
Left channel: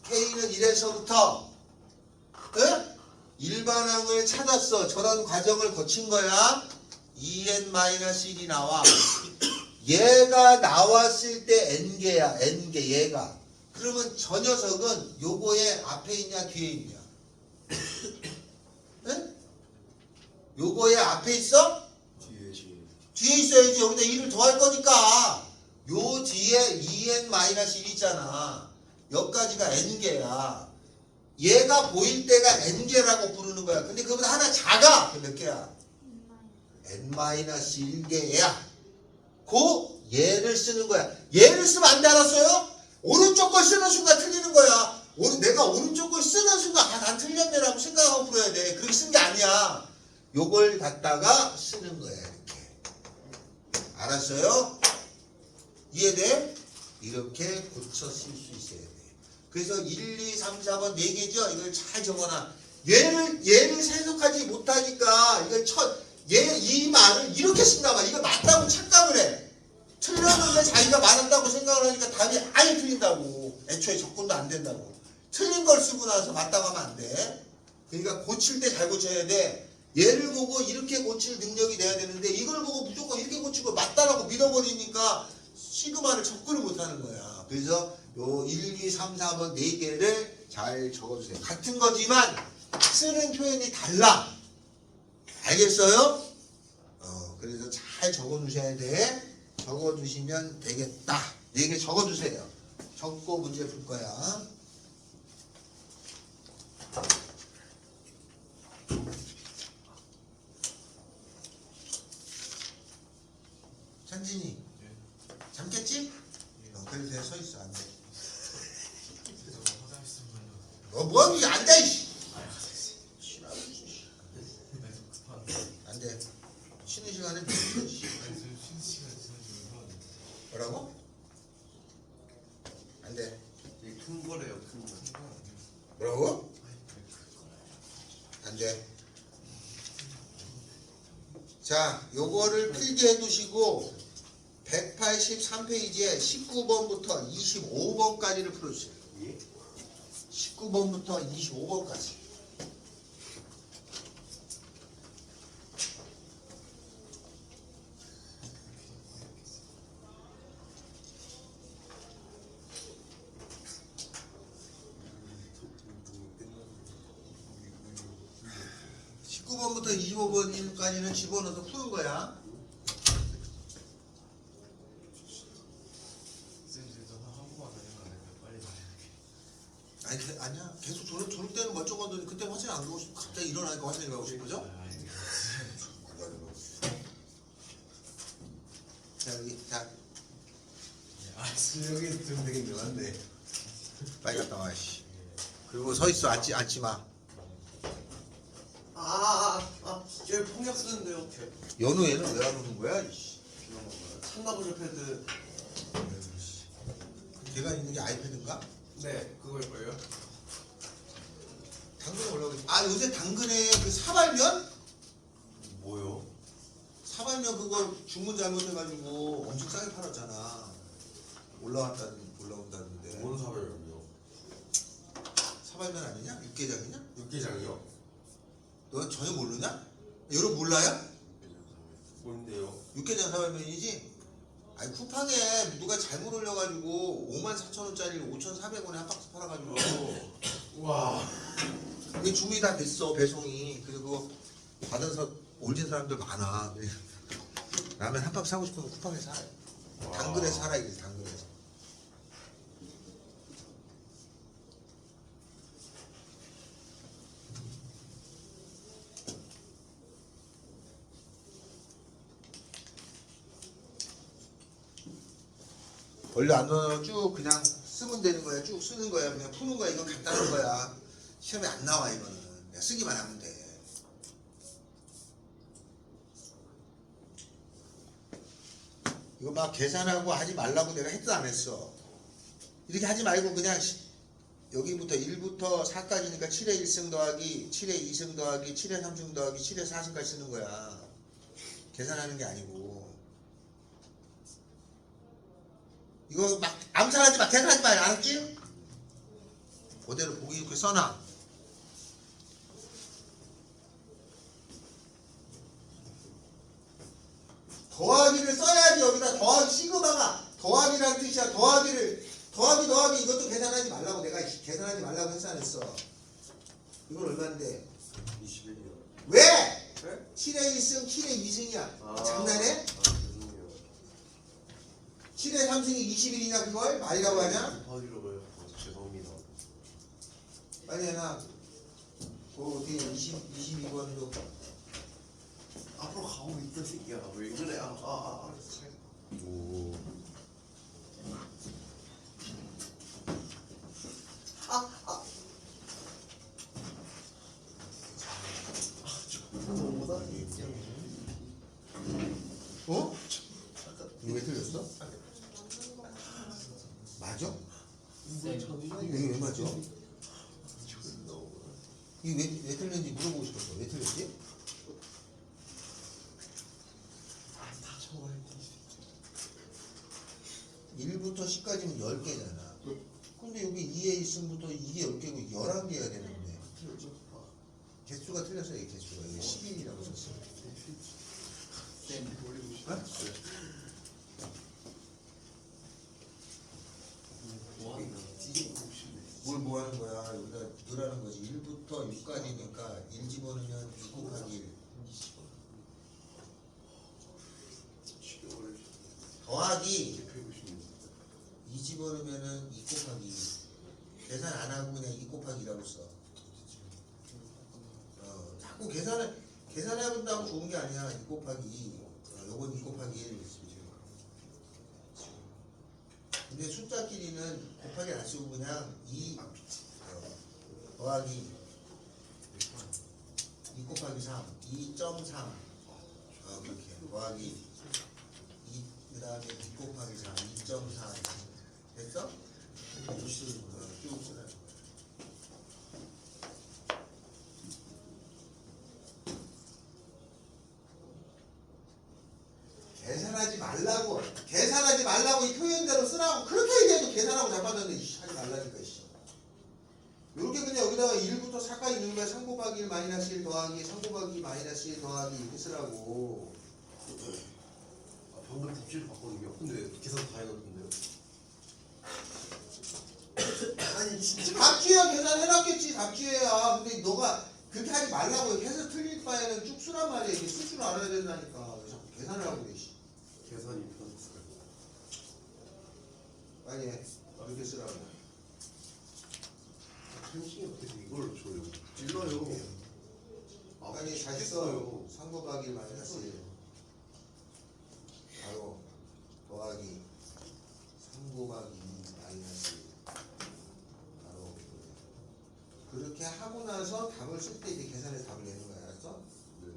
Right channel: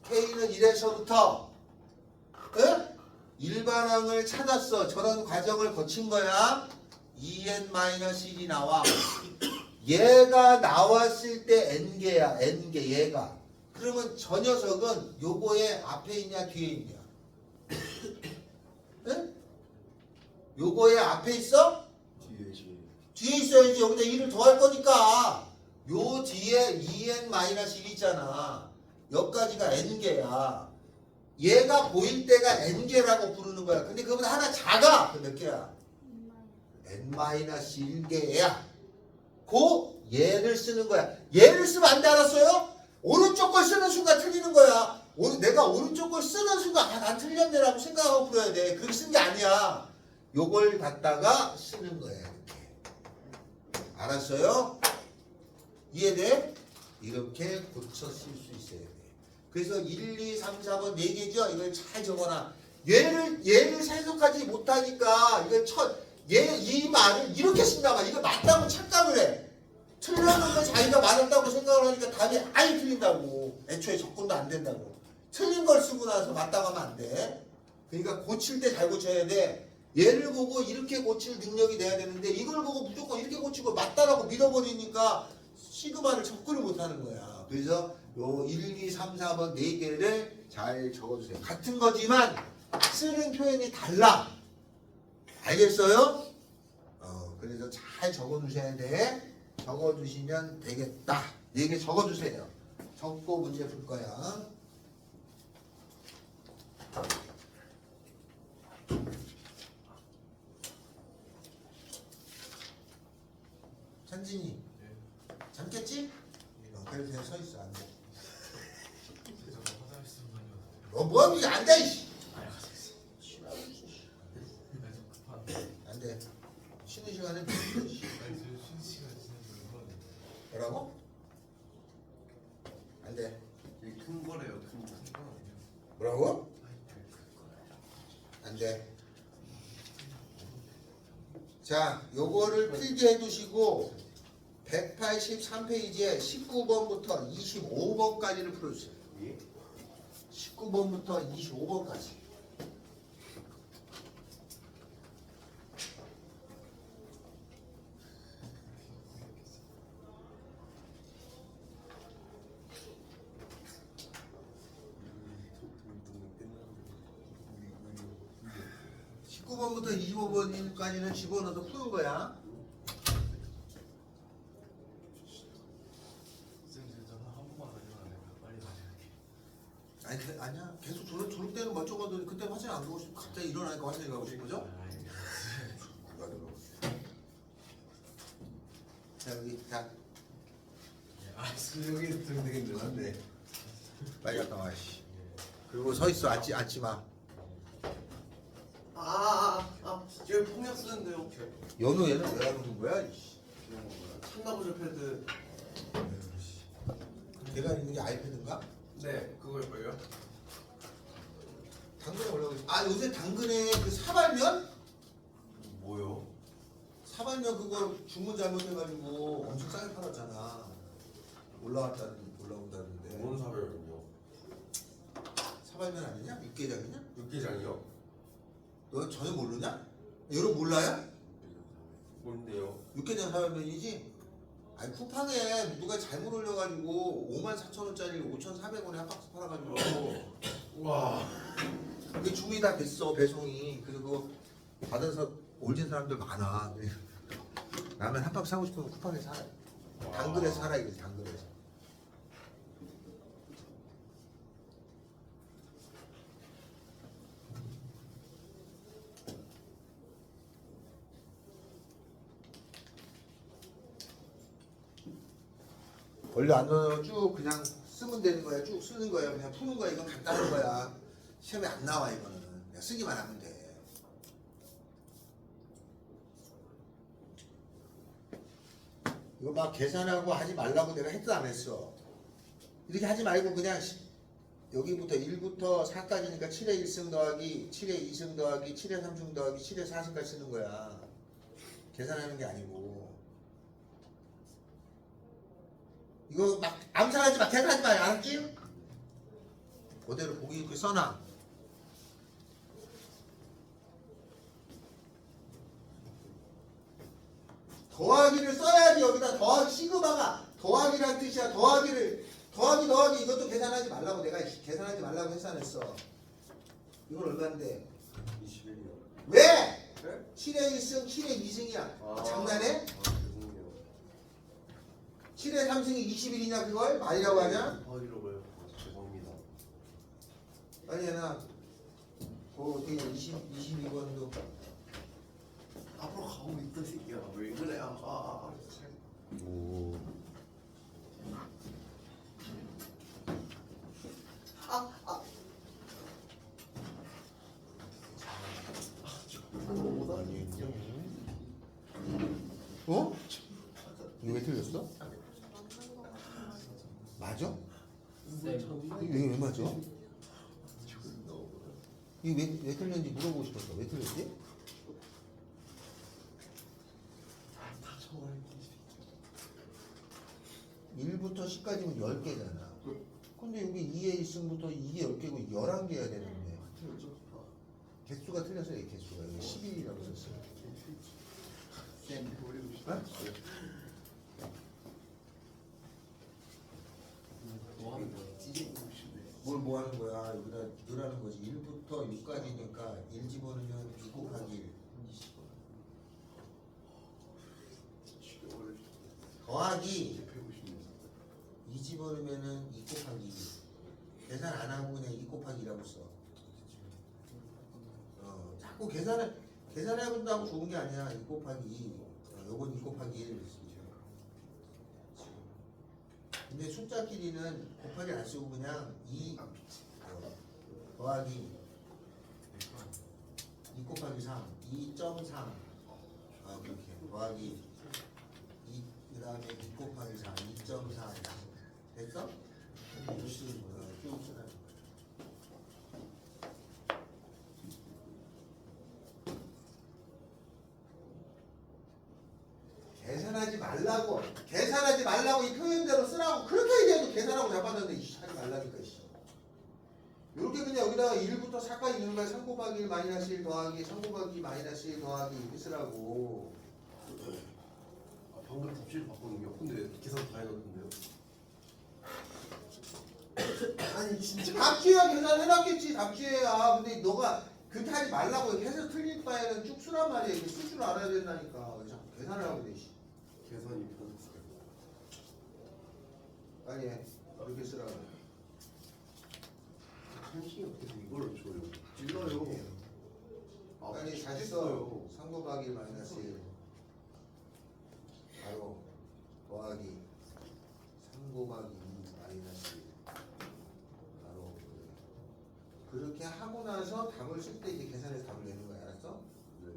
K는 1에서부터 일반항을 찾았어. 저런 과정을 거친 거야. 2n-1이 나와. 얘가 나왔을 때 n개야. n개 얘가. 그러면 저 녀석은 요거의 앞에 있냐 뒤에 있냐? 응? 요거의 앞에 있어? 뒤에 있어야지. 여기다 2를 더할 거니까 요 뒤에 2n-1 있잖아. 여기까지가 n개야. 얘가 보일 때가 n개라고 부르는 거야. 근데 그거보다 하나 작아. 몇 개야? n-1개야. 고 얘를 쓰는 거야. 얘를 쓰면 안 돼. 알았어요? 오른쪽 걸 쓰는 순간 틀리는 거야. 내가 오른쪽 걸 쓰는 순간 난 틀렸네라고 생각하고 풀어야 돼. 그렇게 쓴 게 아니야. 요걸 갖다가 쓰는 거야. 이렇게. 알았어요? 이해돼? 이렇게 고쳐 쓸 수 있어야 돼. 그래서 1, 2, 3, 4번 4개죠? 이걸 잘 적어놔. 얘를 해석하지 못하니까 이걸 이 말을 이렇게 쓴단 말이야. 이거 맞다고 착각을 해. 틀렸는데 자기가 맞았다고 생각을 하니까 답이 아예 틀린다고. 애초에 접근도 안 된다고. 틀린 걸 쓰고 나서 맞다고 하면 안 돼. 그러니까 고칠 때 잘 고쳐야 돼. 얘를 보고 이렇게 고칠 능력이 돼야 되는데 이걸 보고 무조건 이렇게 고치고 맞다라고 믿어버리니까 시그마를 접근을 못하는 거야. 그래서 요 1, 2, 3, 4번 4개를 잘 적어주세요. 같은 거지만 쓰는 표현이 달라. 알겠어요? 그래서 잘 적어주셔야 돼. 적어주시면 되겠다. 4개 적어주세요. 적고 문제 풀 거야. 찬진이 잠깼지? 그래서 내가 서 있어. 안 돼. 너 뭐하니? 앉아 이씨. 안 돼. 쉬는 시간에 뭐라고? 안 돼. 큰 거래요. 큰 거. 뭐라고? 안 돼. 자, 요거를 필기해 두시고 183페이지에 19번부터 25번까지를 풀어주세요. 19번부터 25번까지. 부터 25번까지는 집어넣어서 푸는 거야. 아니야. 계속 졸업 때는 멀쩡하더니 그때 화장실 안 가고 싶고 갑자기 일어나니까 화장실 가고 싶어져? 자 여기 자. 여기 들으면 되게 늘었네. 빨리 갔다 와. 씨. 그리고 서 있어. 앉지 마. 여기 폭력 쓰는데요. 연우 얘는 왜 하는 거야? 참나보조 패드. 걔가 있는 게 아이패드인가? 네, 그걸걸요. 당근에 올라가. 요새 당근에 그 사발면? 뭐요? 사발면 그거 주문 잘못해가지고 엄청 싸게 팔았잖아. 올라온다는데. 뭔 사발면이요? 사발면 아니냐? 육개장이냐? 육개장이요? 너 전혀 모르냐? 여러분 몰라요? 뭔데요? 육개장 사발면이지? 아니 쿠팡에 누가 잘못 올려가지고 54,000원짜리 5,400원에 한 박스 팔아가지고 우와. 이게 주문이 다 됐어. 배송이. 그리고 받은 올린 사람들 많아. 라면 한 박스 사고 싶으면 쿠팡에 사. 당근에 사라 이게 당근에서. 원래 안 넣어 쭉 그냥 쓰면 되는 거야. 쭉 쓰는 거야. 그냥 푸는 거야. 이건 간단한 거야. 시험에 안 나와 이거는. 그냥 쓰기만 하면 돼. 이거 막 계산하고 하지 말라고 내가 했도 안 했어. 이렇게 하지 말고 그냥 여기부터 1부터 4까지니까 7의 1승 더하기 7의 2승 더하기 7의 3승 더하기 7의 4승까지 쓰는 거야. 계산하는 게 아니고. 이거 막 암살하지 마. 계산하지 마. 알았지? 그대로 보기 이렇게 써놔. 더하기를 써야지. 여기다 더하기 시그마가 더하기란 뜻이야. 더하기 이것도 계산하지 말라고 내가 계산하지 말라고 했어 안 했어? 이건 얼마인데? 21이요. 왜? 네? 7의 1승 7의 2승이야. 장난해? 죄송해요. 7의 3승이 21이냐 그걸? 말이라고 하냐? 더하기로 해요. 죄송합니다. 아니야 나 어떻게 22번도 앞으로 가고 있던 새끼야. 왜 그래? 오. 어? 이거 왜 틀렸어? 맞아? 이게 왜 맞아? 이게 왜 틀렸는지 물어보고 싶었어. 왜 틀렸지? 다 적어야지. 1부터 10까지는 10개잖아. 근데 여기 2에 있음부터 이게 10개고 11개가 되는데 개수가 틀렸어요. 이 개수가. 이게 11이라고 썼어. 뭘 하는 거야? 여기다 넣으라는 거지. 1부터 6까지니까 1 집어넣으면 6 곱하기 1 더하기 2 집어넣으면은 2 곱하기 2 계산 안 하고 그냥 2 곱하기 2라고 써. 자꾸 계산해본다고 좋은 게 아니야. 2 곱하기 2 요건 2 곱하기 1 근데 숫자끼리는 곱하기 안 쓰고 그냥 2 더하기 2 곱하기 3 2.3 그렇게 더하기 2 그 다음에 2 곱하기 3 2.3 됐어? 쭉 쓰라. 계산하지 말라고 이 표현대로 쓰라고 그렇게 얘기해도 계산하고 잡았는데 하지 말라니까 이렇게 그냥 여기다가 1부터 4까지 넣는 거야. 3 곱하기 1 마이너스 1 더하기 3 곱하기 마이너스 1 더하기 이렇게 쓰라고. 방금 답지를 봤거든요. 근데 계산 다 해놨는데요. 아니 진짜 답지야 계산해놨겠지. 답지야. 근데 너가 그렇게 하지 말라고 계속 틀릴 바에는 쭉 쓰란 말이야. 이게 쓸 줄 알아야 된다니까. 왜 자꾸 계산을 하고 그래. 계산이 편했어요. 아니 이렇게 쓰라고. 한식이 어떻게 이걸 줘요? 찔러요. 아니 다시 써. 3 곱하기 마이너스 1 바로 더하기 3 곱하기 2 마이너스 1 바로 그렇게 하고 나서 답을 쓸 때 이제 계산해서 답을 내는 거야. 알았어? 네.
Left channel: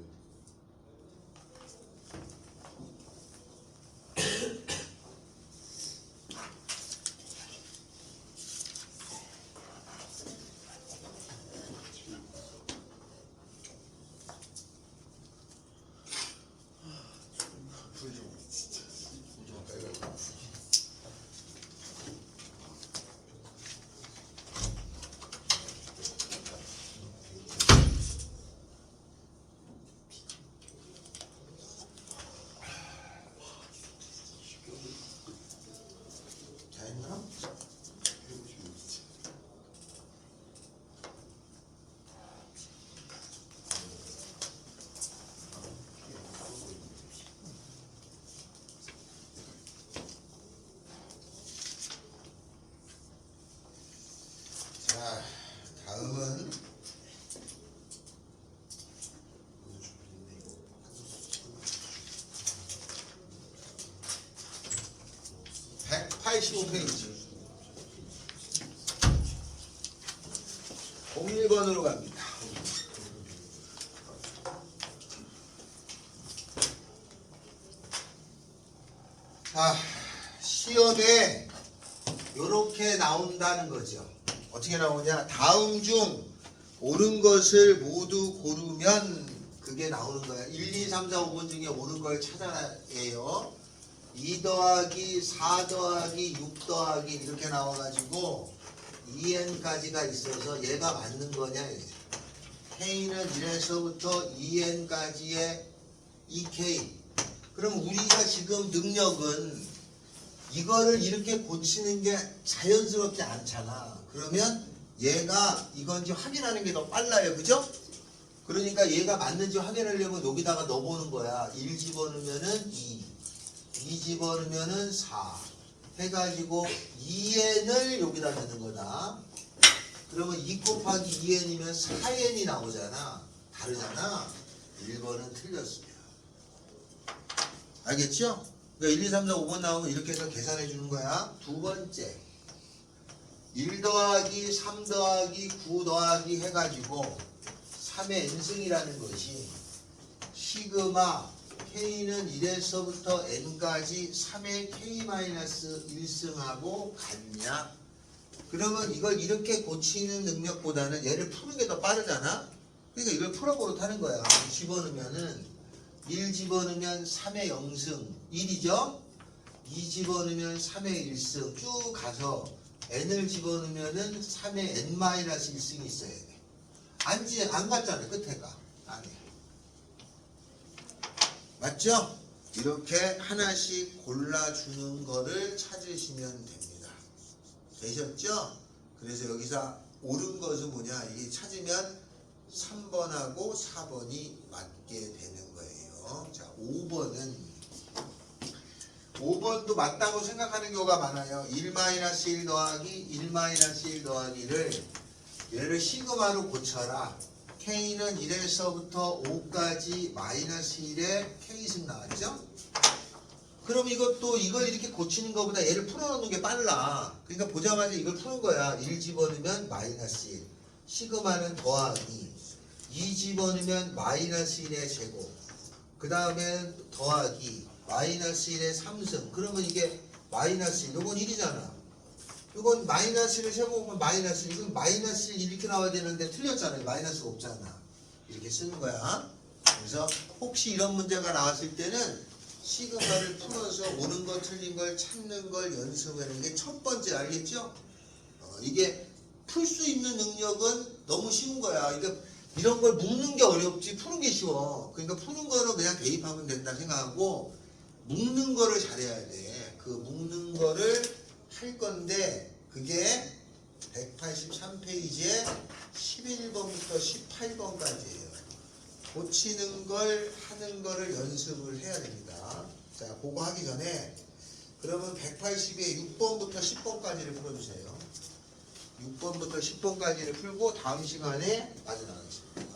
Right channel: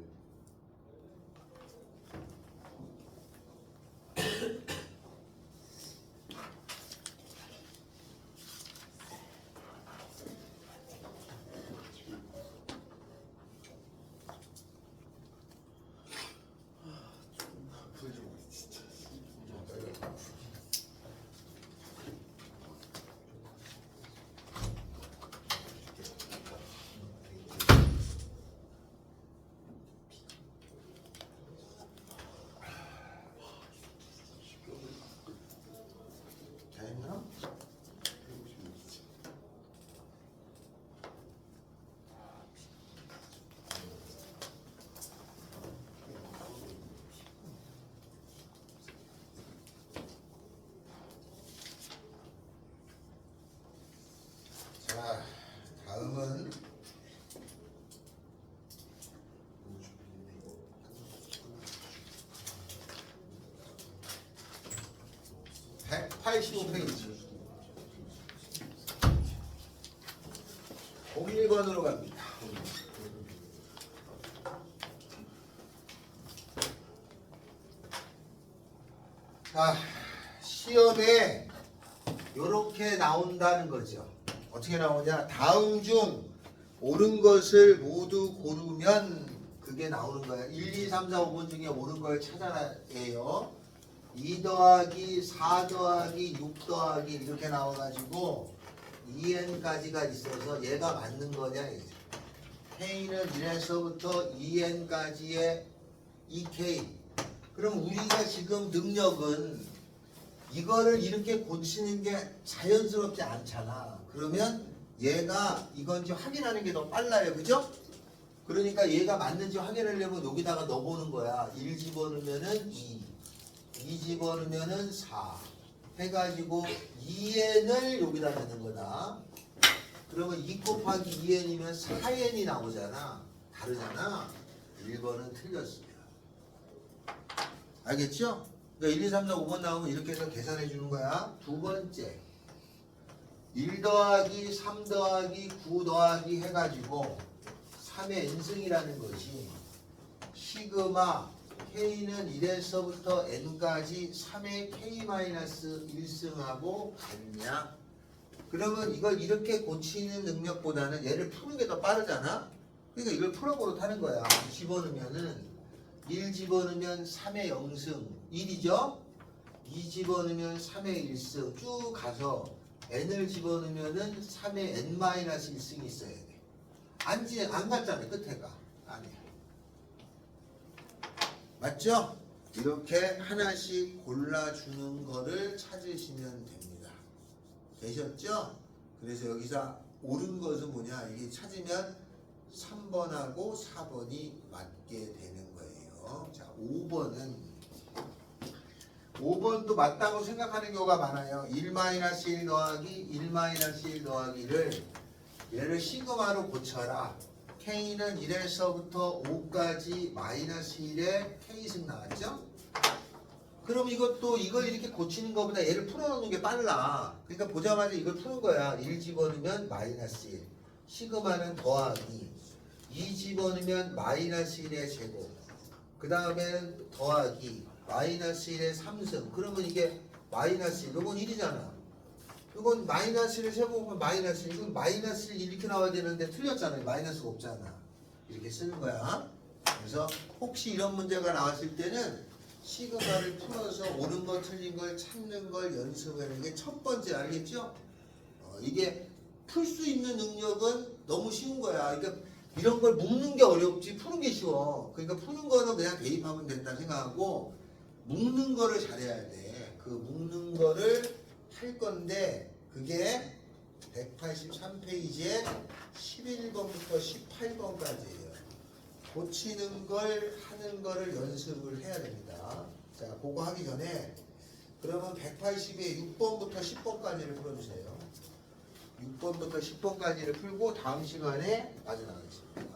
자 했나? 자 다음은 108 85페이지 01번으로 갑니다. 자, 시험에 요렇게 나온다는 거죠. 어떻게 나오냐? 다음 중 옳은 것을 모두 고르면 그게 나오는 거야. 1, 2, 3, 4, 5번 중에 옳은 걸 찾아야 해요. 2 더하기 4 더하기 6 더하기 이렇게 나와가지고 2n까지가 있어서 얘가 맞는 거냐 이제. k는 1에서부터 2n까지의 2k. 그럼 우리가 지금 능력은 이거를 이렇게 고치는 게 자연스럽지 않잖아. 그러면 얘가 이건지 확인하는 게 더 빨라요. 그죠? 그러니까 얘가 맞는지 확인하려면 여기다가 넣어보는 거야. 1 집어넣으면은 2 집어넣으면은 4 해가지고 2n을 여기다 넣는 거다. 그러면 2 곱하기 2n이면 4n이 나오잖아. 다르잖아. 1번은 틀렸습니다. 알겠죠? 그러니까 1, 2, 3, 4, 5번 나오면 이렇게 해서 계산해 주는 거야. 두 번째 1 더하기 3 더하기 9 더하기 해가지고 3의 n승이라는 것이 시그마 k는 1에서부터 n까지 3의 k-1승하고 같냐? 그러면 이걸 이렇게 고치는 능력보다는 얘를 푸는 게 더 빠르잖아? 그러니까 이걸 풀어보러 타는 거야. 집어넣으면은 1 집어넣으면 3의 0승 1이죠? 2 집어넣으면 3의 1승 쭉 가서 n을 집어넣으면은 3의 n-1승이 있어야 돼. 안 갔잖아요. 끝에가. 아니. 맞죠? 이렇게 하나씩 골라주는 거를 찾으시면 됩니다. 되셨죠? 그래서 여기서 옳은 것은 뭐냐? 이게 찾으면 3번하고 4번이 맞게 되는 거예요. 자, 5번도 맞다고 생각하는 경우가 많아요. 1-1 더하기 1-1 더하기를 얘를 시그마로 고쳐라. k는 1에서부터 5까지 마이너스 1의 k승 나왔죠? 그럼 이것도 이걸 이렇게 고치는 것보다 얘를 풀어놓는 게 빨라. 그러니까 보자마자 이걸 푸는 거야. 1 집어넣으면 마이너스 1. 시그마는 더하기. 2 집어넣으면 마이너스 1의 제곱. 그 다음에 더하기. 마이너스 1의 3승. 그러면 이게 마이너스 1. 이건 1이잖아. 이건 마이너스를 세보면 마이너스 1. 이건 마이너스 1 이렇게 나와야 되는데 틀렸잖아요. 마이너스가 없잖아. 이렇게 쓰는 거야. 그래서 혹시 이런 문제가 나왔을 때는 시그마를 풀어서 옳은 거 틀린 걸 찾는 걸 연습하는 게 첫 번째. 알겠죠? 이게 풀 수 있는 능력은 너무 쉬운 거야. 그러니까 이런 걸 묶는 게 어렵지 푸는 게 쉬워. 그러니까 푸는 거는 그냥 대입하면 된다 생각하고 묶는 거를 잘해야 돼. 그 묶는 거를 할 건데 그게 183페이지에 11번부터 18번까지예요. 고치는 걸 하는 거를 연습을 해야 됩니다. 자, 그거 하기 전에 그러면 180에 6번부터 10번까지를 풀어주세요. 6번부터 10번까지를 풀고 다음 시간에 빠져나가겠습니다.